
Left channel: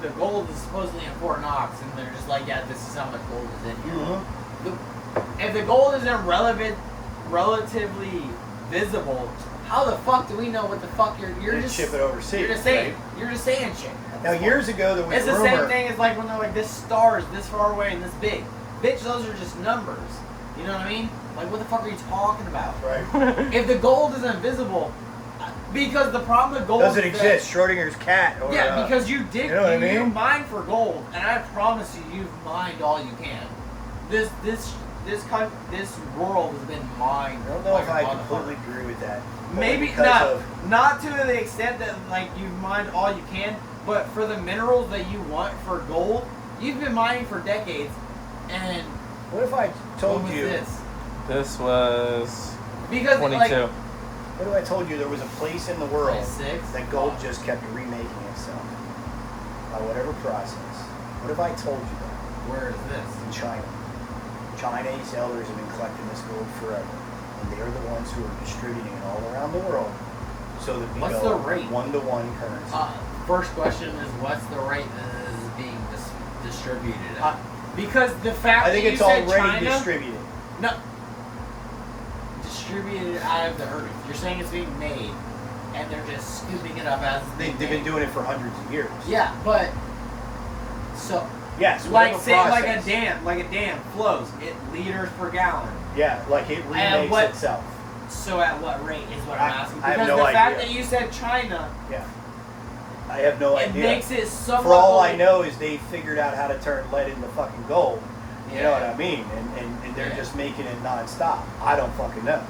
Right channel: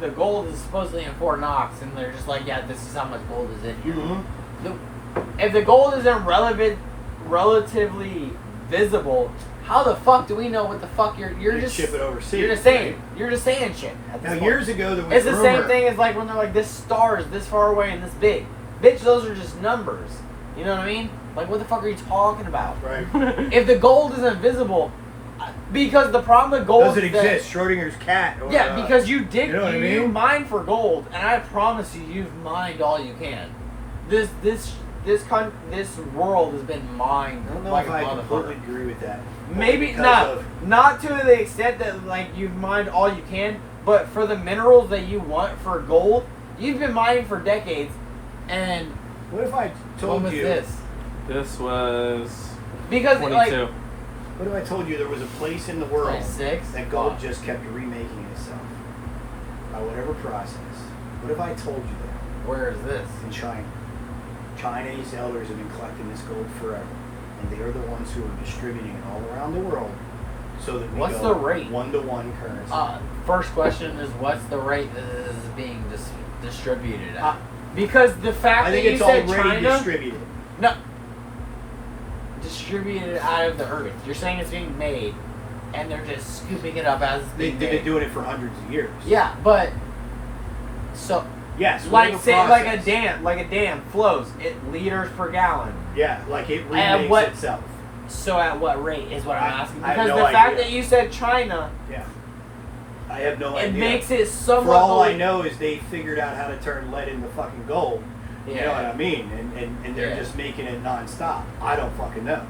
the gold is supposedly in Fort Knox, and they're just like, yeah, this is how much gold is in here. Mm-hmm. If the gold isn't relatively visible, how the fuck do we know what the fuck you're You just ship it overseas. You're just saying right? you're just saying shit. at Now this point. years ago there was It's the rumor. same thing as like when they're like this star is this far away and this big. Bitch, those are just numbers. You know what I mean? Like, what the fuck are you talking about? Right. If the gold is invisible, because the problem with gold Doesn't is that- exist. Schrodinger's cat. Oh, Yeah, because you dig, You know what I you mean? mine for gold, and I promise you, you've mined all you can. This world has been mined I don't know like if a I motherfucker. completely agree with that. Maybe Because not, of- not to the extent that like you've mined all you can, but for the minerals that you want for gold, you've been mining for decades. And What if I told what was you? this? This was Because 22. like What if I told you there was a place in the world 26? that gold just kept remaking itself by whatever process? What if I told you that Where is this? in China? Chinese elders have been collecting this gold forever, and they're the ones who are distributing it all around the world, so that we What's go the rate? 1-to-1 currency. First question is, what's the rate that this is being distributed at? Because the fact I think that you it's said already China, distributed. no, distributed out of the earth. You're saying it's being made, and they're just scooping it up as it's They've being been made. doing it for hundreds of years. Yeah, but so Yes. like whatever say process. like a dam flows it liters per gallon. Yeah, like it And remakes what- itself. So at what rate is what I'm asking? I have Because no the fact idea. that you said China, Yeah. I have no it idea. makes it somewhat. For all I know is they figured out how to turn lead into fucking gold. You know what Yeah. I mean? And they're Yeah. just making it nonstop. I don't fucking know.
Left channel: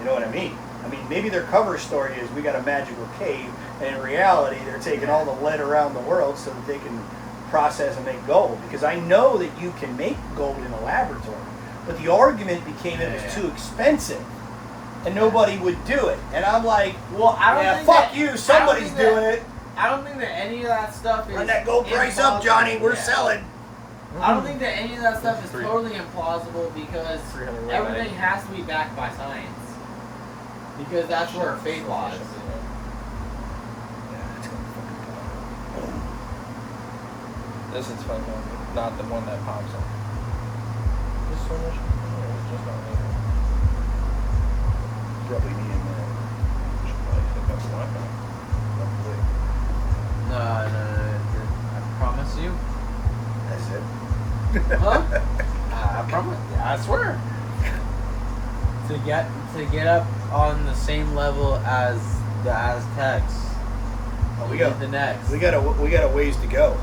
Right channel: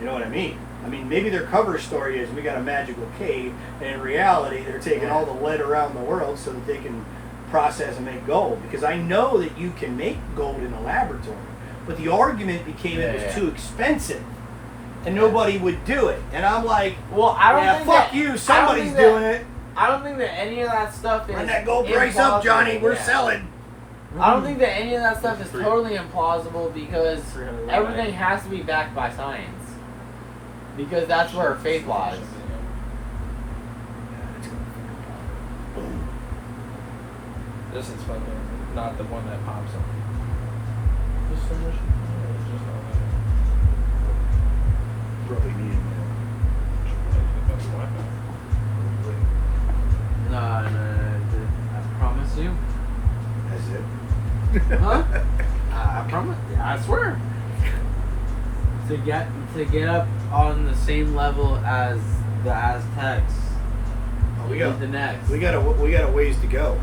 You know what I mean? I mean, maybe their cover story is we got a magical cave, and in reality, they're taking all the lead around the world so that they can process and make gold. Because I know that you can make gold in a laboratory, but the argument became it was Yeah. too expensive, and nobody would do it. And I'm like, Well, I don't yeah, think fuck that, you. I don't Somebody's think that- doing it. I don't think that any of that stuff is. Run that gold price up, implausible. Johnny. We're Yeah. selling. I don't think that any of that stuff is totally implausible because everything has to be backed by science. Because that's where faith lies. This is fucking not the one that pops up. Probably me in I promise you. there. That's it. Huh? I promise. I swear. To get up on the same level as the Aztecs. Oh, we We got the next. we got a ways to go.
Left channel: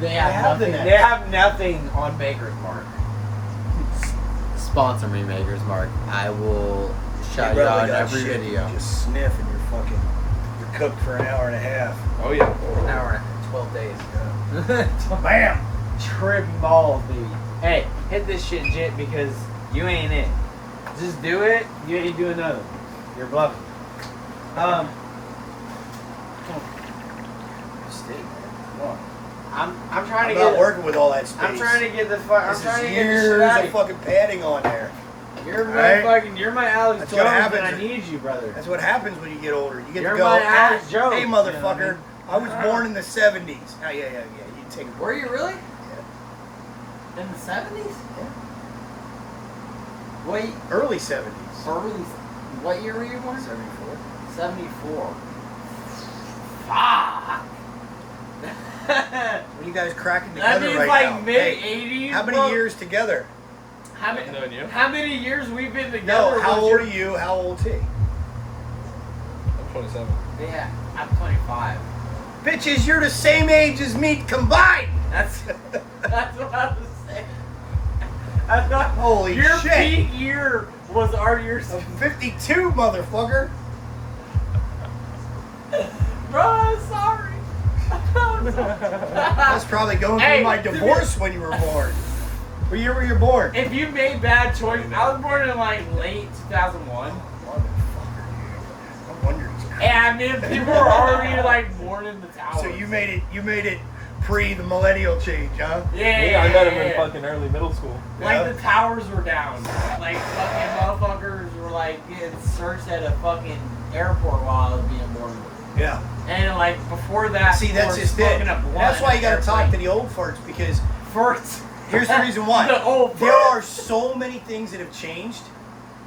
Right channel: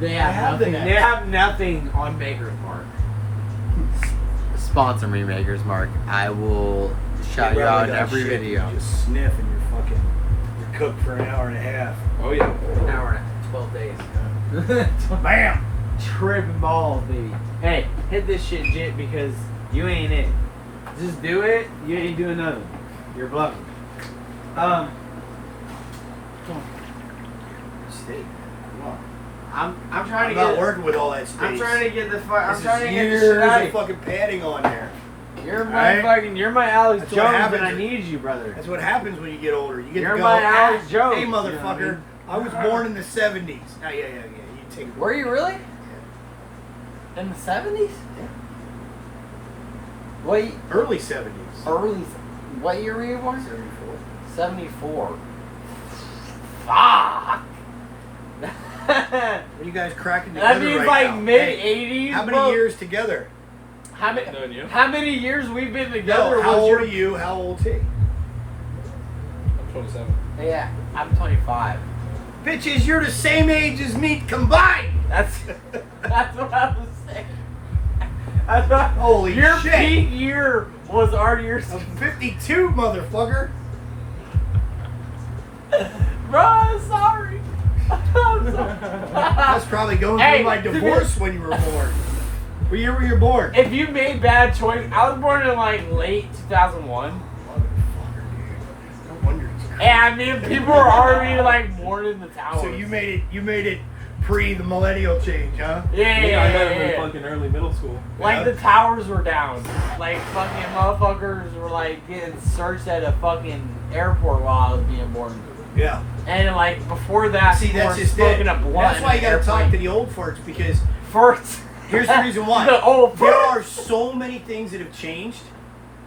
They have have the nothing. next. They have nothing on Baker's Mark. Sponsor me, Baker's Mark. I will shout you out in every Shit, video. You just sniff and you're cooked for an hour and a half. Oh yeah. An hour, 12 days. Bam! Tripping balls, baby. Hey, hit this shit, Jit, because you ain't it. Just do it. You ain't doing nothing. You're bluffing. Steak. Come on. I'm trying I'm to not get. working with all that space. I'm trying to get the fuck. I'm This trying is to get the years shit out of of fucking padding on there. You're my Right? fucking. You're my Alex That's what Jones, happens. and I need you, brother. That's what happens when you get older. You get You're to go, my Alex Jones, hey you know what I motherfucker, mean? I was born in the 70s. Oh, yeah. You take it. Were you really? In the 70s? What? Early 70s. Early. What year were you born? 74. 74. Fuck. What are you guys cracking together That means right like now? mid Hey, 80s. how many years together? How many? Knowing you. How many years we've been together? No, how was old your- are you? How old's he? I'm 27. Yeah, I'm 25. Bitches, you're the same age as me combined. That's what I was saying. That's what Holy your shit. peak year was our year. I'm 52, motherfucker. Bro, I'm sorry. I'm sorry. I was probably going Hey, through my to be- divorce when you were born. What year were you born? If you made bad choice, I was born in like late 2001. I'm wondering. And I mean, people were already like mourning the tower. So you made it pre the millennial change, huh? Yeah. I met him in fucking early middle school. Like Yeah. the towers were down. Like fucking motherfuckers were like getting searched at a fucking airport while I was being born. Yeah. And like before that, See, people that's were just it. smoking a blunt. That's why you got gotta talk to the old farts because first. here's the reason why. The old There farts. are so many things that have changed.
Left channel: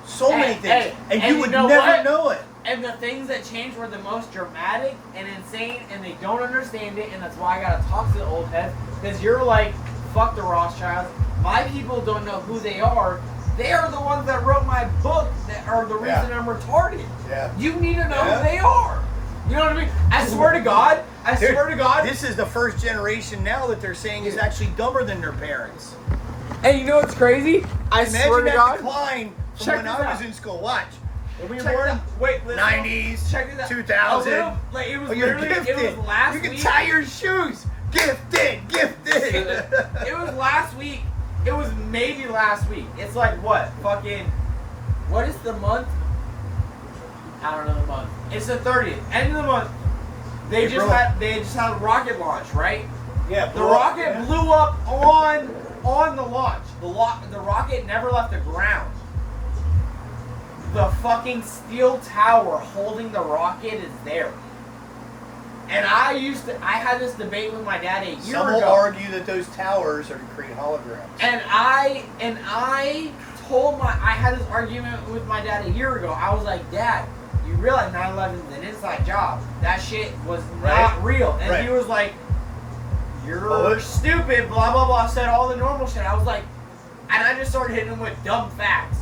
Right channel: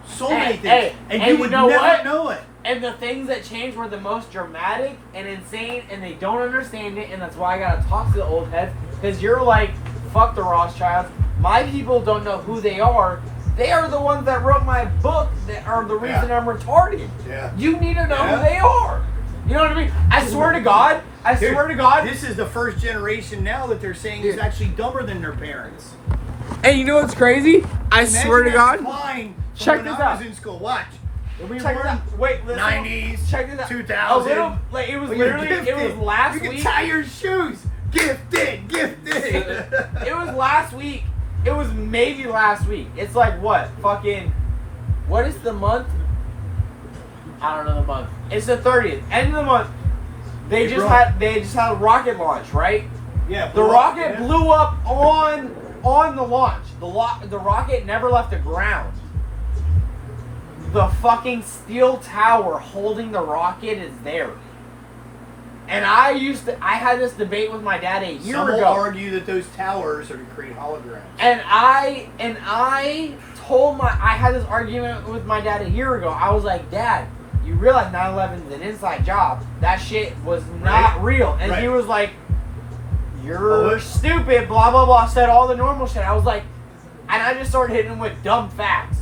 So Hey, many things. hey, and and you you would know never what? know it. And the things that changed were the most dramatic and insane, and they don't understand it, and that's why I gotta talk to the old heads. Because you're like, fuck the Rothschilds, My people don't know who they are. They are the ones that wrote my book that are the reason I'm retarded. Yeah. You need to know who they are. You know what I mean? I swear to God. Dude, Swear to God. This is the first generation now that they're saying is actually dumber than their parents. And you know what's crazy? I Imagine swear to that God. applying from Check when this I was out. in school. Watch. Check this out. Wait, listen. 90s, Check this out. 2000. A little, like it was Oh, you're literally, it gifted. was last You can week. tie your shoes. Gifted. It was last week. It was maybe last week. It's like what? Fucking. What is the month? I don't know the month. It's the 30th. End of the month. They just had a rocket launch, right? Yeah. The rocket blew up on the launch. The rocket never left the ground. The fucking steel tower holding the rocket is there. And I had this debate with my dad a year Some will ago. argue that those towers are to create holograms. And I had this argument with my dad a year ago. I was like, Dad, you realize 9/11 is an inside job. That shit was not real. And he was like, you're stupid, blah, blah, blah. Said all the normal shit. I was like, and I just started hitting him with dumb facts.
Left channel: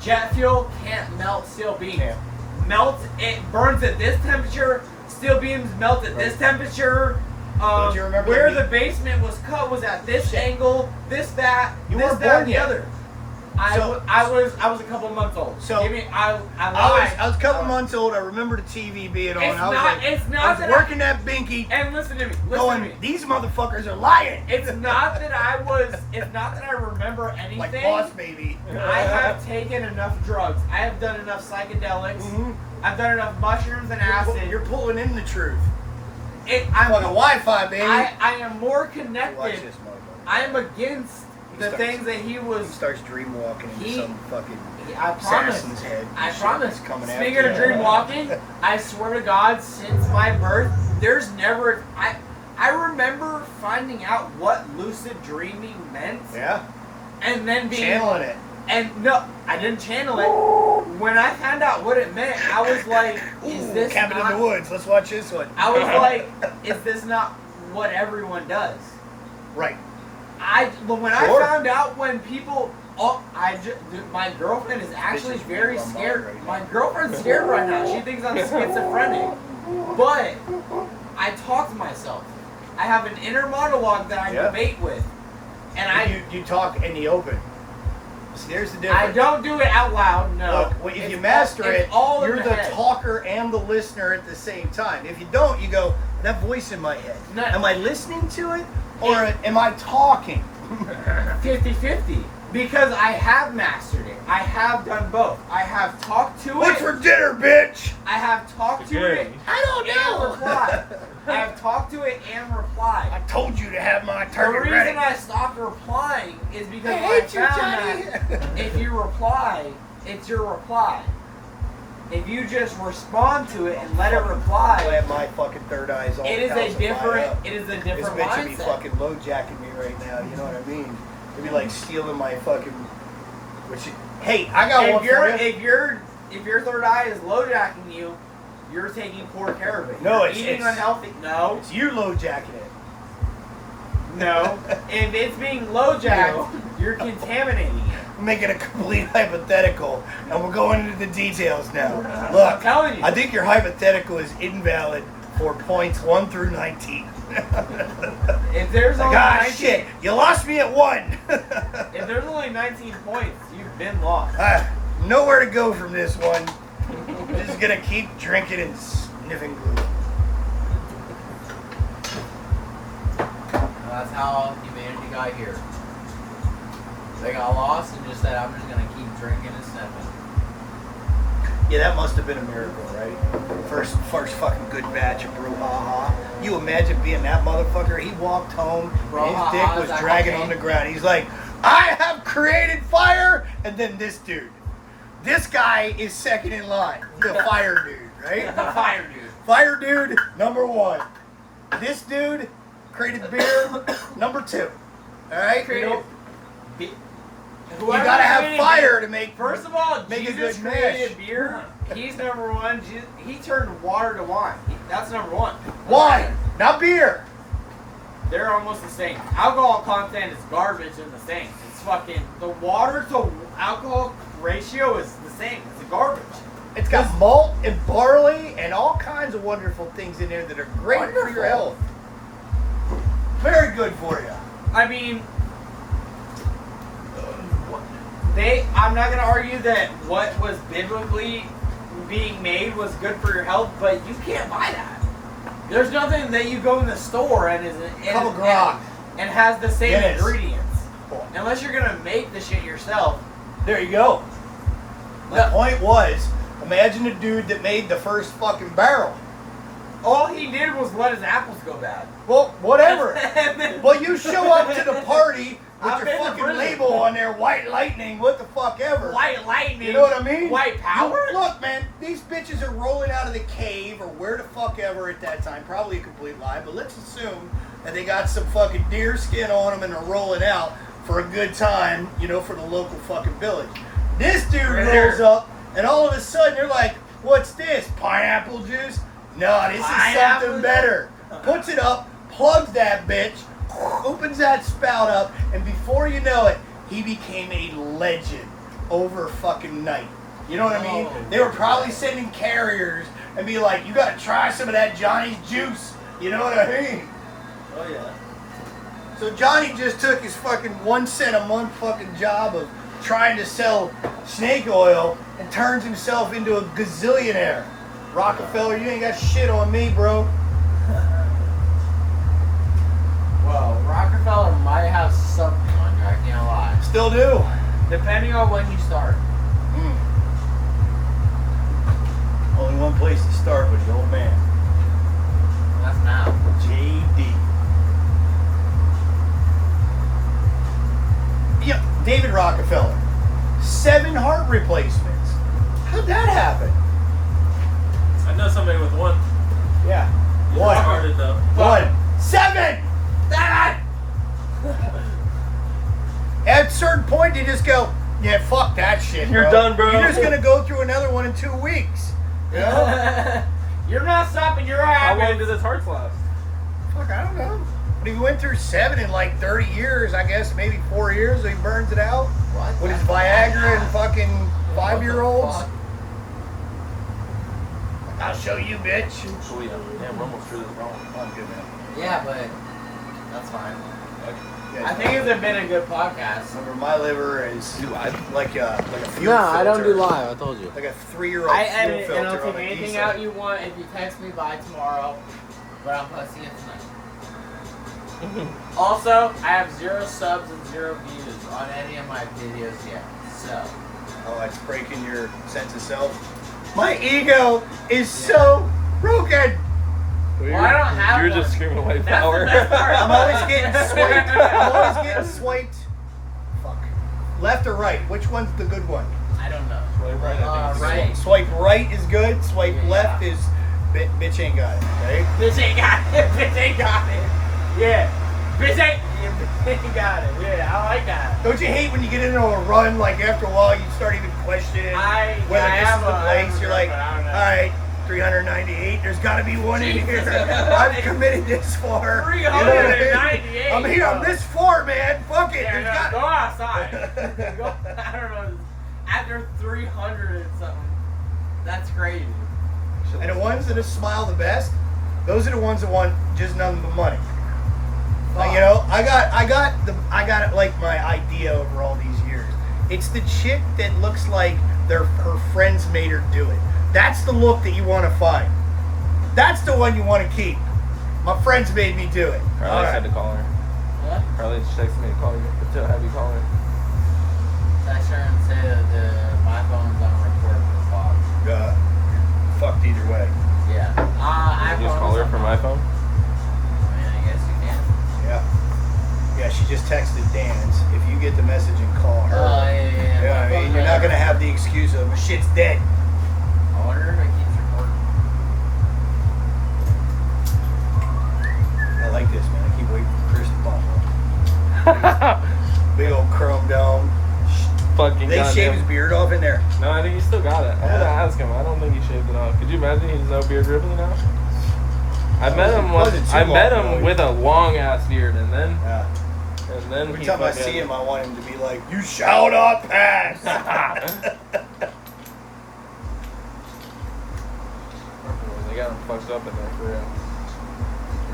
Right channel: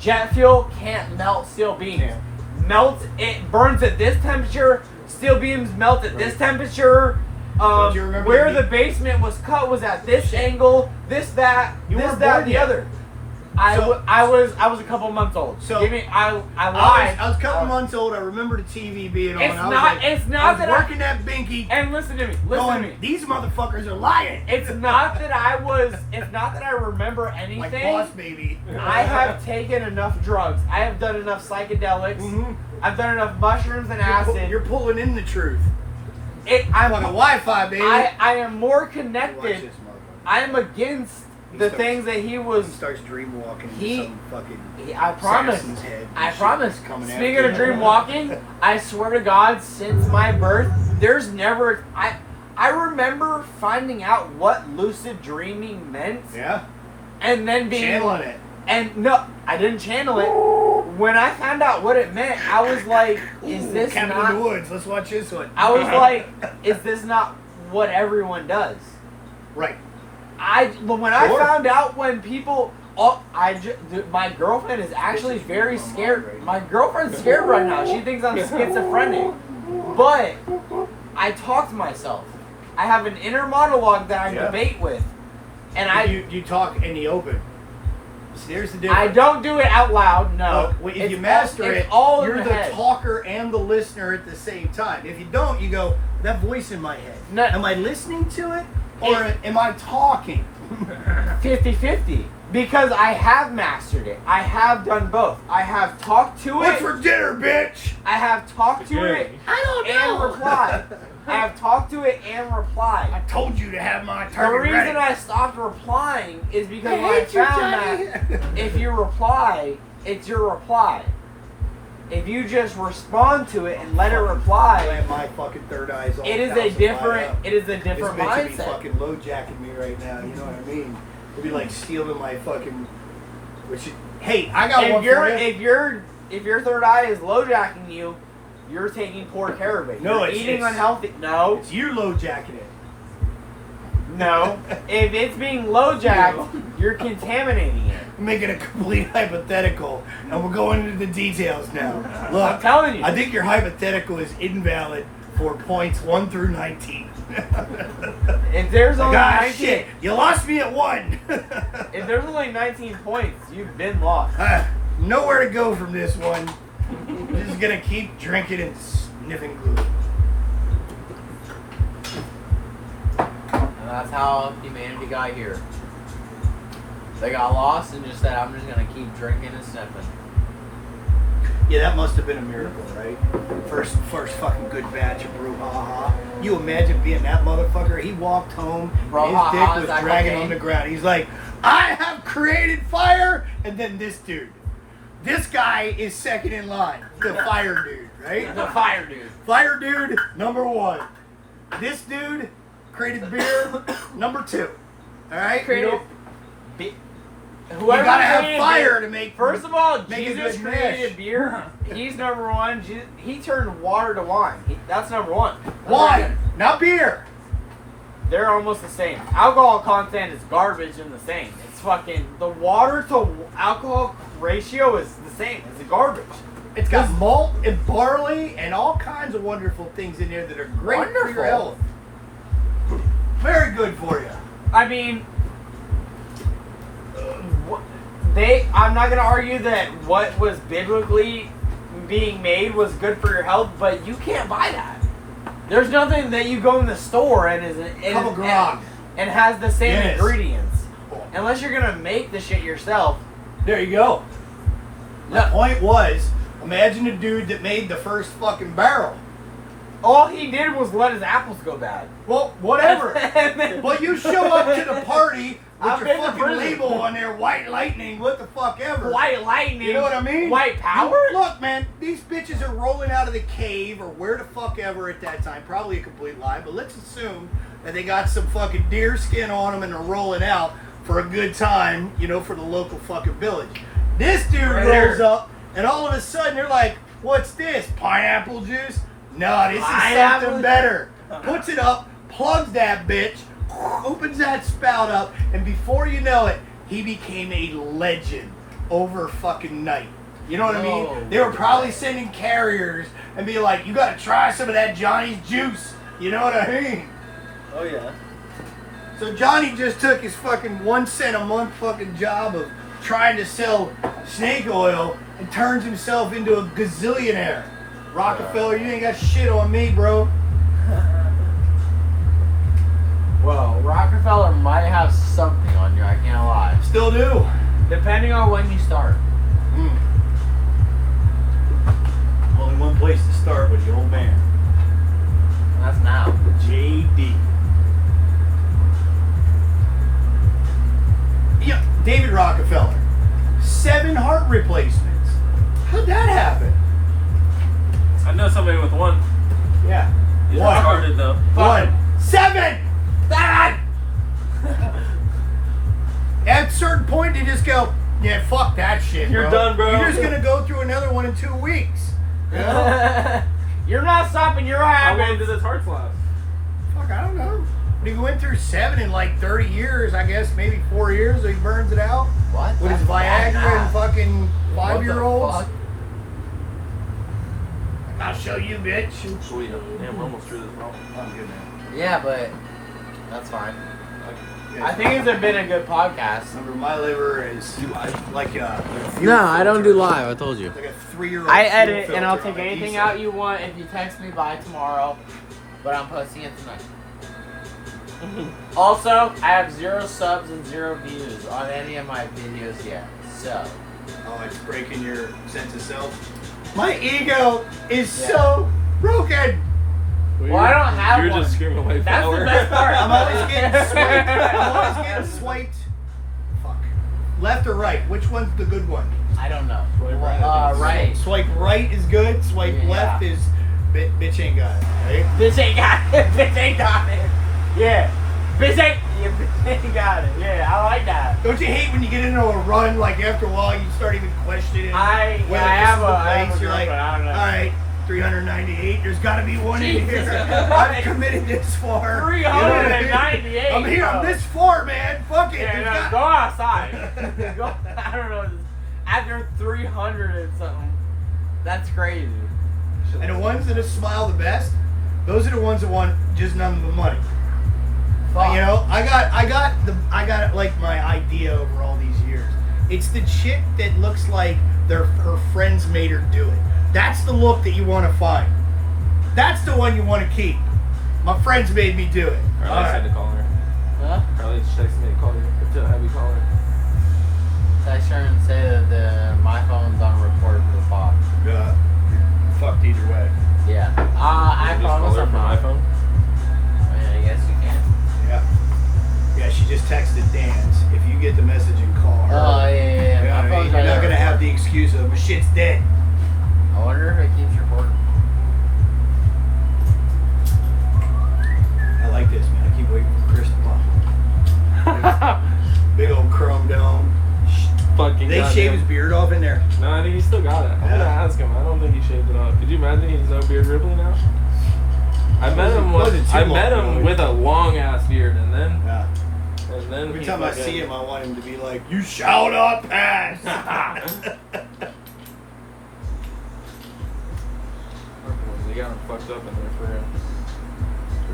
Jet fuel can't melt steel beams. It burns at this temperature. Steel beams melt at this temperature. Don't you remember Where the basement was cut was at this angle, this, that, the other. I was a couple months old. So I lied. I was a couple months old. I remember the TV being on. It's not I was that working that binky. And listen to me. These motherfuckers are lying. It's not that I remember anything. Like Boss Baby. I have taken enough drugs. I have done enough psychedelics. Mhm. I've done enough mushrooms and acid. You're pulling in the truth. I'm Fucking Wi-Fi, baby. I am more Watch connected. this motherfucker. I am against the things that he was. He starts dream walking. He- some fucking I promise. assassin's head. I promise. Coming Speaking after of you. dream walking, I swear to God, since my birth, there's never. I remember finding out what lucid dreaming meant, Yeah. and then being Channeling it. And no, I didn't channel it. When I found out what it meant, I was like, "Is this Cabin not?" in the Woods. Let's watch this one. I was like, "Is this not what everyone does?" Right. When Sure. I found out when people, my girlfriend is actually very scared. My girlfriend's scared right now. She thinks I'm schizophrenic. But I talk to myself. I have an inner monologue that I debate with, and you talk in the open. See, there's the difference. I don't do it out loud. No. If you master it, all you're in the head. talker and the listener at the same time. If you don't, you go, that voice in my head. No. Am I listening to it or am I talking? 50-50. Because I have mastered it. I have done both. I have talked to What's it. for dinner, bitch? I have talked to it I don't and replied. I have talked to it and I replied. told you to have my The turn reason ready. I stopped replying is because I when I hate you, found Johnny. that if you reply, it's your reply. If you just respond to it and let it I reply, have my fucking third eyes all it is a calcified different. up. It is a This different bitch would be mindset. fucking low jacking me right now. You know what I mean? It'd be like stealing my fucking. Hey, I got one for you. If your third eye is low jacking you, you're taking poor care of it. No, You're it's- eating it's- unhealthy. No, It's you low jacking it. no. If it's being low jacked, you're contaminating it. I'm making a complete hypothetical, and we're going into the details now. Look, I'm telling you. I think your hypothetical is invalid for points 1 through 19. If there's only Ah, 19, shit, you lost me at 1. if there's only 19 points, you've been lost. Nowhere to go from this one. I'm just gonna keep drinking and sniffing glue. And that's how humanity got here. They got lost and just said, "I'm just gonna keep drinking and sniffing." Yeah, that must have been a miracle, right? First fucking good batch of brouhaha. You imagine being that motherfucker? He walked home, and Brouhaha, his dick is was that dragging cocaine? on the ground. He's like, I have created fire! And then this dude. This guy is second in line. The fire dude, right? The fire dude. Fire dude, number 1. This dude created beer, number 2. Alright? Created. You gotta have fire to make. First of all, Make a Jesus good created mash. beer. He's number one. He turned water to wine. That's number one. Wine, not beer. they're almost the same. Alcohol content is garbage in the same. It's fucking the water to alcohol ratio is the same. It's garbage. It's got malt and barley and all kinds of wonderful things in there that are great for Wonderful. your health. Very good for you. I mean, I'm not gonna argue that what was biblically being made was good for your health, but you can't buy that. There's nothing that you go in the store and and has the same Yes. ingredients, unless you're gonna make the shit yourself. There you go. The point was, imagine a dude that made the first fucking barrel. All he did was let his apples go bad. Well, whatever. And then- Well, you show up to the party with I've your been to fucking prison. label on there, White Lightning, what the fuck ever. White lightning. You know what I mean? White power. Look, man, these bitches are rolling out of the cave or where the fuck ever at that time. Probably a complete lie, but let's assume that they got some fucking deer skin on them and are rolling out for a good time, you know, for the local fucking village. This dude rolls up, and all of a sudden they're like, what's this? Pineapple juice? No, this is Pineapple something better. Puts it up, plugs that bitch, opens that spout up, and before you know it, he became a legend over fucking night. You know what I mean? Oh, They were probably sending carriers and be like, you gotta try some of that Johnny's juice. You know what I mean? Oh yeah. So Johnny just took his fucking 1 cent a month fucking job of trying to sell snake oil and turns himself into a gazillionaire. Rockefeller, you ain't got shit on me, bro. Well, Rockefeller might have something on you. I can't lie. Still do. Depending on when you start. Only one place to start with the old man. That's now. JD. Yeah, David Rockefeller. 7 heart replacements. How'd that happen? I know somebody with one. Yeah. He's One. retarded though. 1. 7! That! At a certain point, they just go, yeah, fuck that shit. You're done, bro. You're just gonna go through another one in 2 weeks. You know? You're not stopping your How long habits. does his heart last? Fuck, I don't know. But he went through 7 in like 30 years, I guess, maybe 4 years, so he burns it out. What? With his Viagra and fucking What the 5-year-olds. fuck? I'll show you, bitch. Sweet. Damn, we're almost through this wrong. I'm good now. Yeah, but that's fine. Yeah, I think it's been a good podcast. Remember, my liver is like a fuel No, I don't do filter. live. I told you. Like a 3-year-old. I edit fuel and I'll filter take on a anything diesel. out you want if you text me by tomorrow. But I'm posting it tonight. Also, I have 0 subs and 0 views on any of my videos yet. So, Oh, it's breaking your sense of self. My ego is so broken. well, I don't have You're one. just screaming white That's power. the best part. I'm always getting swiped. I'm always getting swiped. Fuck. Left or right? Which one's the good one? I don't know. Right. Right. Swipe right is good. Swipe Yeah. left is bitch ain't got it. Right? Bitch ain't got it. Bitch ain't got it. Yeah. Bitch ain't got it. Yeah, I like that. Don't you hate when you get into a run? Like after a while, you start even questioning whether I this have is the a place. You're like, girlfriend, I don't know. all right, 398. There's got to be one in Jesus. here. I've committed this far. 398. I'm here. I'm this far, man. Fuck it. Yeah, There's no, got- go outside. Go, I don't know. After 300 and something, that's crazy. And the ones that smile the best, those are the ones that want just none of the money. Fuck. You know, I got like my idea over all these years. It's the chick that looks like her friends made her do it. That's the look that you want to find. That's the one you want to keep. My friends made me do it. Carly said to call her. Huh? Carly just texted me to call you. To have you call her. Text her and say that my phone's on record for the pod. Fucked either way. Yeah. I Just call promise her I'm from not. my phone. I mean, I guess you can. Yeah. Yeah, she just texted Dan's. If you get the message, you call her. Oh, yeah. Yeah, My phone's you're on not gonna record. have the excuse of shit's dead. I wonder if it keeps recording. I like this, man. I keep waiting for Chris to pop up. Big old chrome dome. Fucking They goddamn. shave his beard off in there. No, I think he still got it. I'm gonna ask him. I don't think he shaved it off. Could you imagine he's no beard ribbon now? I met him. Wasn't too I met long him ago. with a long ass beard, and then Yeah. Every Every time I see him, I want him to be like, "You shall not pass." They got him fucked up in there for real.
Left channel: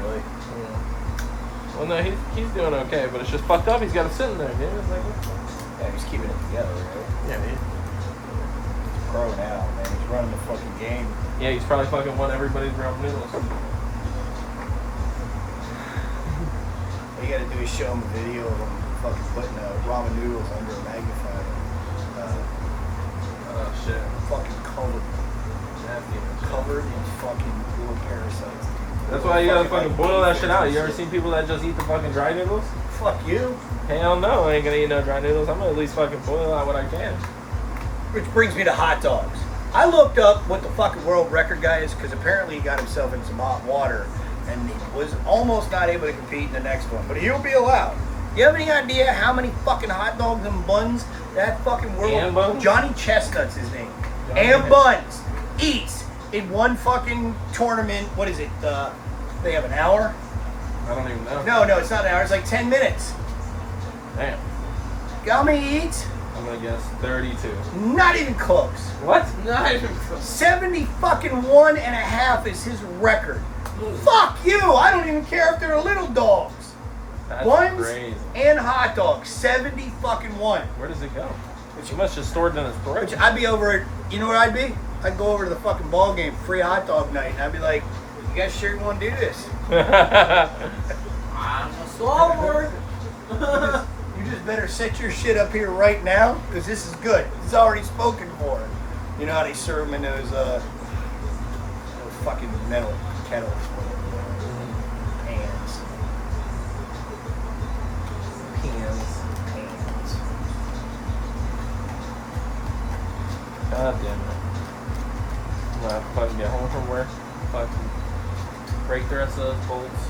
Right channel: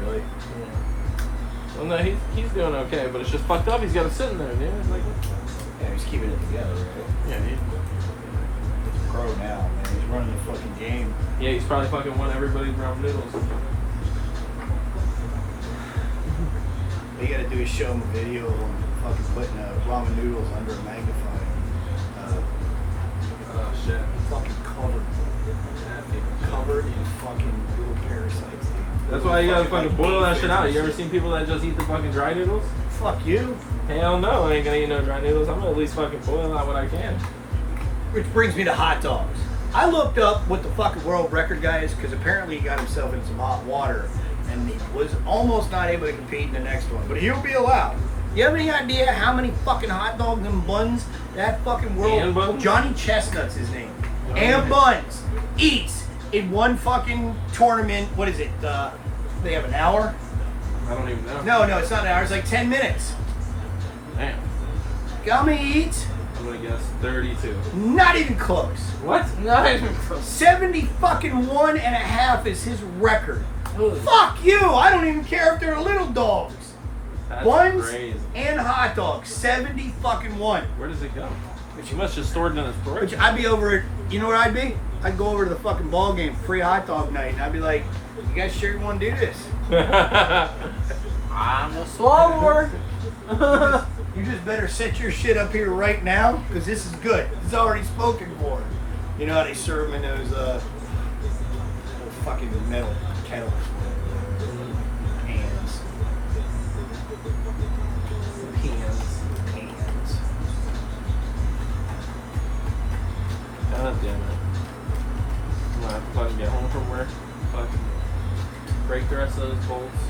Really? Yeah. Well, no, he's doing okay, but it's just fucked up. He's got to sit in there, dude. It's like, Yeah, he's keeping it together. Right? yeah, dude. He's growing out, man. He's running the fucking game. Yeah, he's probably fucking won everybody's ramen noodles. What you gotta do is show him a video of him fucking putting ramen noodles under a magnifying. Oh shit. Fucking covered in fucking little parasites. Dude. That's why you gotta fucking like boil that aphids shit out. and You ever shit. seen people that just eat the fucking dry noodles? Fuck you. Hell no, I ain't gonna eat no dry noodles. I'm gonna at least fucking boil out what I can. Which brings me to hot dogs. I looked up what the fucking world record guy is because apparently he got himself in some hot water and he was almost not able to compete in the next one. But he'll be allowed. You have any idea how many fucking hot dogs and buns that fucking world? And buns? Johnny Chestnut's his name. Johnny And buns eats in one fucking tournament. What is it? They have an hour? I don't even know. No, it's not an hour. It's like 10 minutes. Damn. How many he eats? I'm gonna guess 32. Not even close. What? Not even close. 70 fucking 1.5 is his record. Fuck you! I don't even care if they're little dogs. That's Buns crazy. and hot dogs. 70 fucking 1. Where does it go? Which must have stored it in his Which throat. I'd be over at, you know where I'd be? I'd go over to the fucking ball game, free hot dog night, and I'd be like, you guys sure you want to do this? I'm a swallower. You just better set your shit up here right now, because this is good. It's already spoken for. You know how they serve them in those little fucking metal kettles. Cans. God damn it. I'm gonna have to fucking get home from work. Fucking break the rest of those bolts.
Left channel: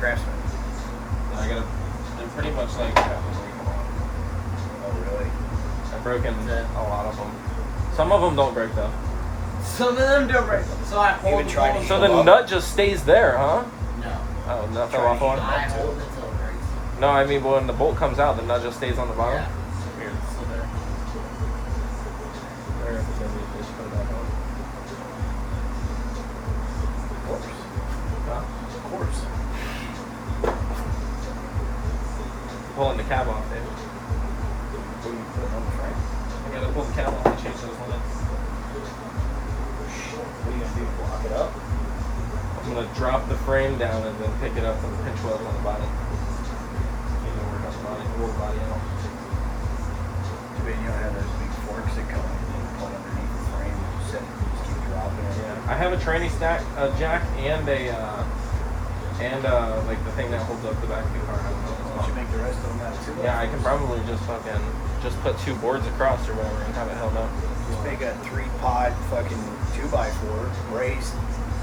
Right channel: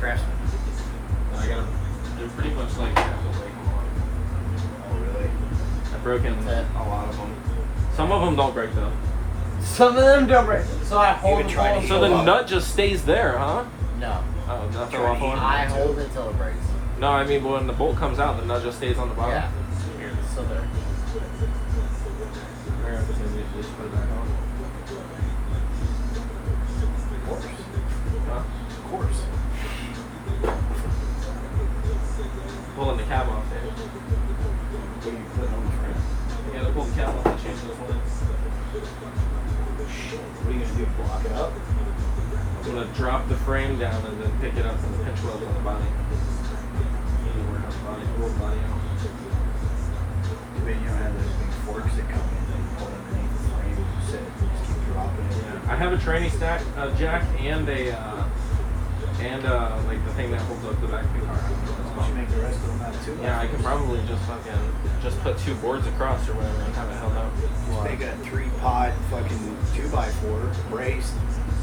Craftsman. I gotta. They're pretty much like I have to break them all. Oh, really? I've broken a lot of them. Some of them don't break though. Some of them don't break. So I hold can try them. to So Show the up. nut just stays there, huh? No. Oh, nut Try fell to off on it? I hold it till it breaks. No, I mean when the bolt comes out, the nut just stays on the bottom. Yeah. So there. We're gonna have to just put it back on. Of course. Huh? Of course. Pulling the cab off there. What are you putting on the front? We gotta pull the cab off and change those ones. What are you going to do? Block it up? I'm gonna drop the frame down and then pick it up from the pinch weld on the body. Maybe we're not body, we'll body out. Maybe you don't have those big forks that come pull underneath the frame. You just set it, you just keep dropping it. I have a tranny stack jack and like the thing that holds up the back of the car. I don't know what it's You should called. make the rest of them that too. Yeah, I could probably just put 2 boards across or whatever and have it held up. Take a 3-pod fucking 2x4 braced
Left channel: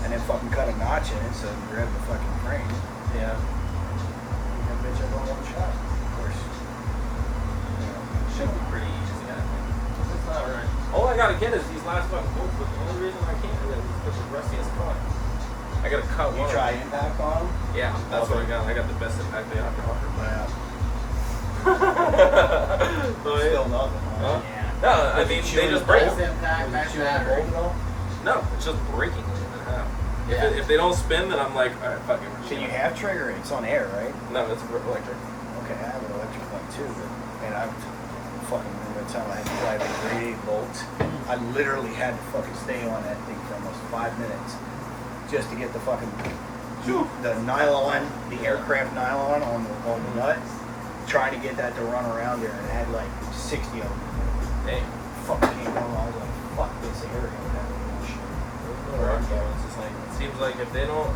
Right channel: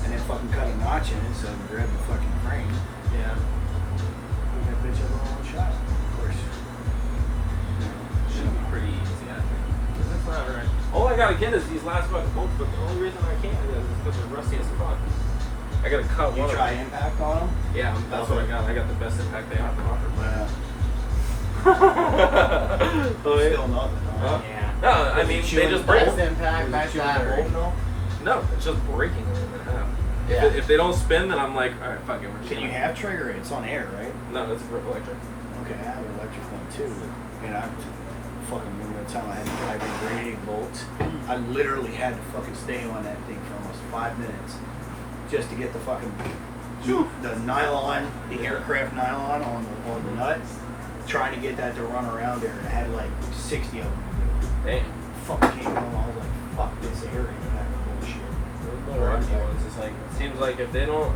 and then fucking cut a notch in it so you grab the fucking frame. Yeah. You make bitch up on one shot. Of course. Should be pretty easy, I think. That's not right. All I gotta get is these last fucking bolts, but the only reason I can't is because they're rusty as fuck. I gotta cut You one. try impact on them? Yeah, that's what I got. I got the best impact they have to offer. But still nothing. Huh? Yeah. No, I mean, they just break. Nice impact, nice battery. No, it's just breaking them in half. Yeah. If they don't spin, then I'm like, alright, fuck it. So you have trigger, it's on air, right? No, it's electric. Okay, I have an electric one too. And I fucking remember one time I had to drive a big bolt. I literally had to fucking stay on that thing for almost 5 minutes just to get the fucking the nylon, the aircraft nylon on the nut. Trying to get that to run around there, and I had like 60 of them. Damn. Fucking came on. I was like, fuck this area. Those little rocky ones, it's like, it seems like if they don't,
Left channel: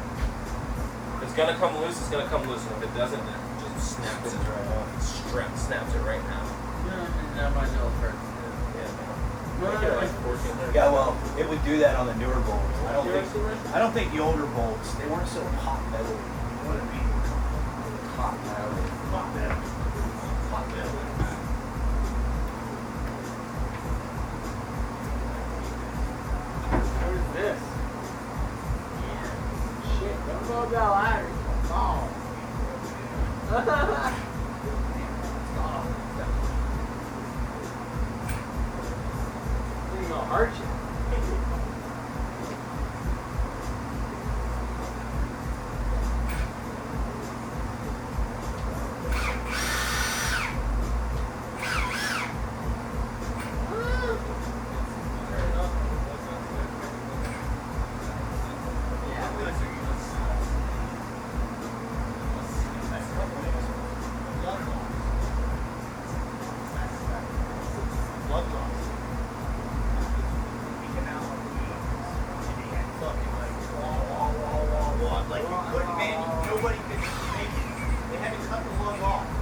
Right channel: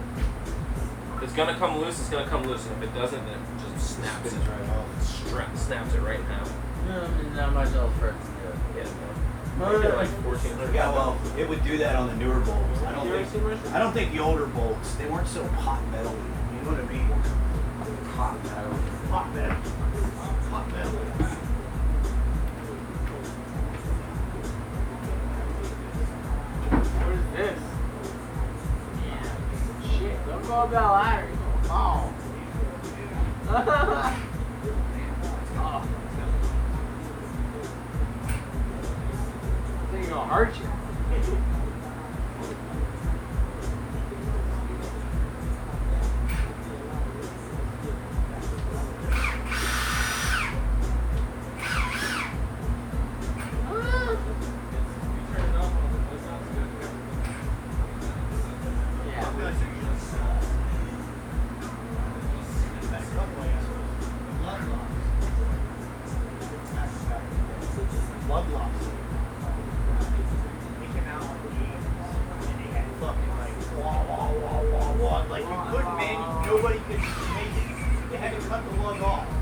if it's gonna come loose, it's gonna come loose. And if it doesn't, then it just snaps it right now. Snaps it right now. Not much else for Yeah, no. Maybe like 1400. Yeah, well, it would do that on the newer bolts. I I don't think the older bolts, they weren't so hot metal. You know what I mean? Hot metal. Hot metal. Hot metal. They're gonna hurt you. Blood loss. Like you couldn't, man, nobody could make it. They had to cut the lung off.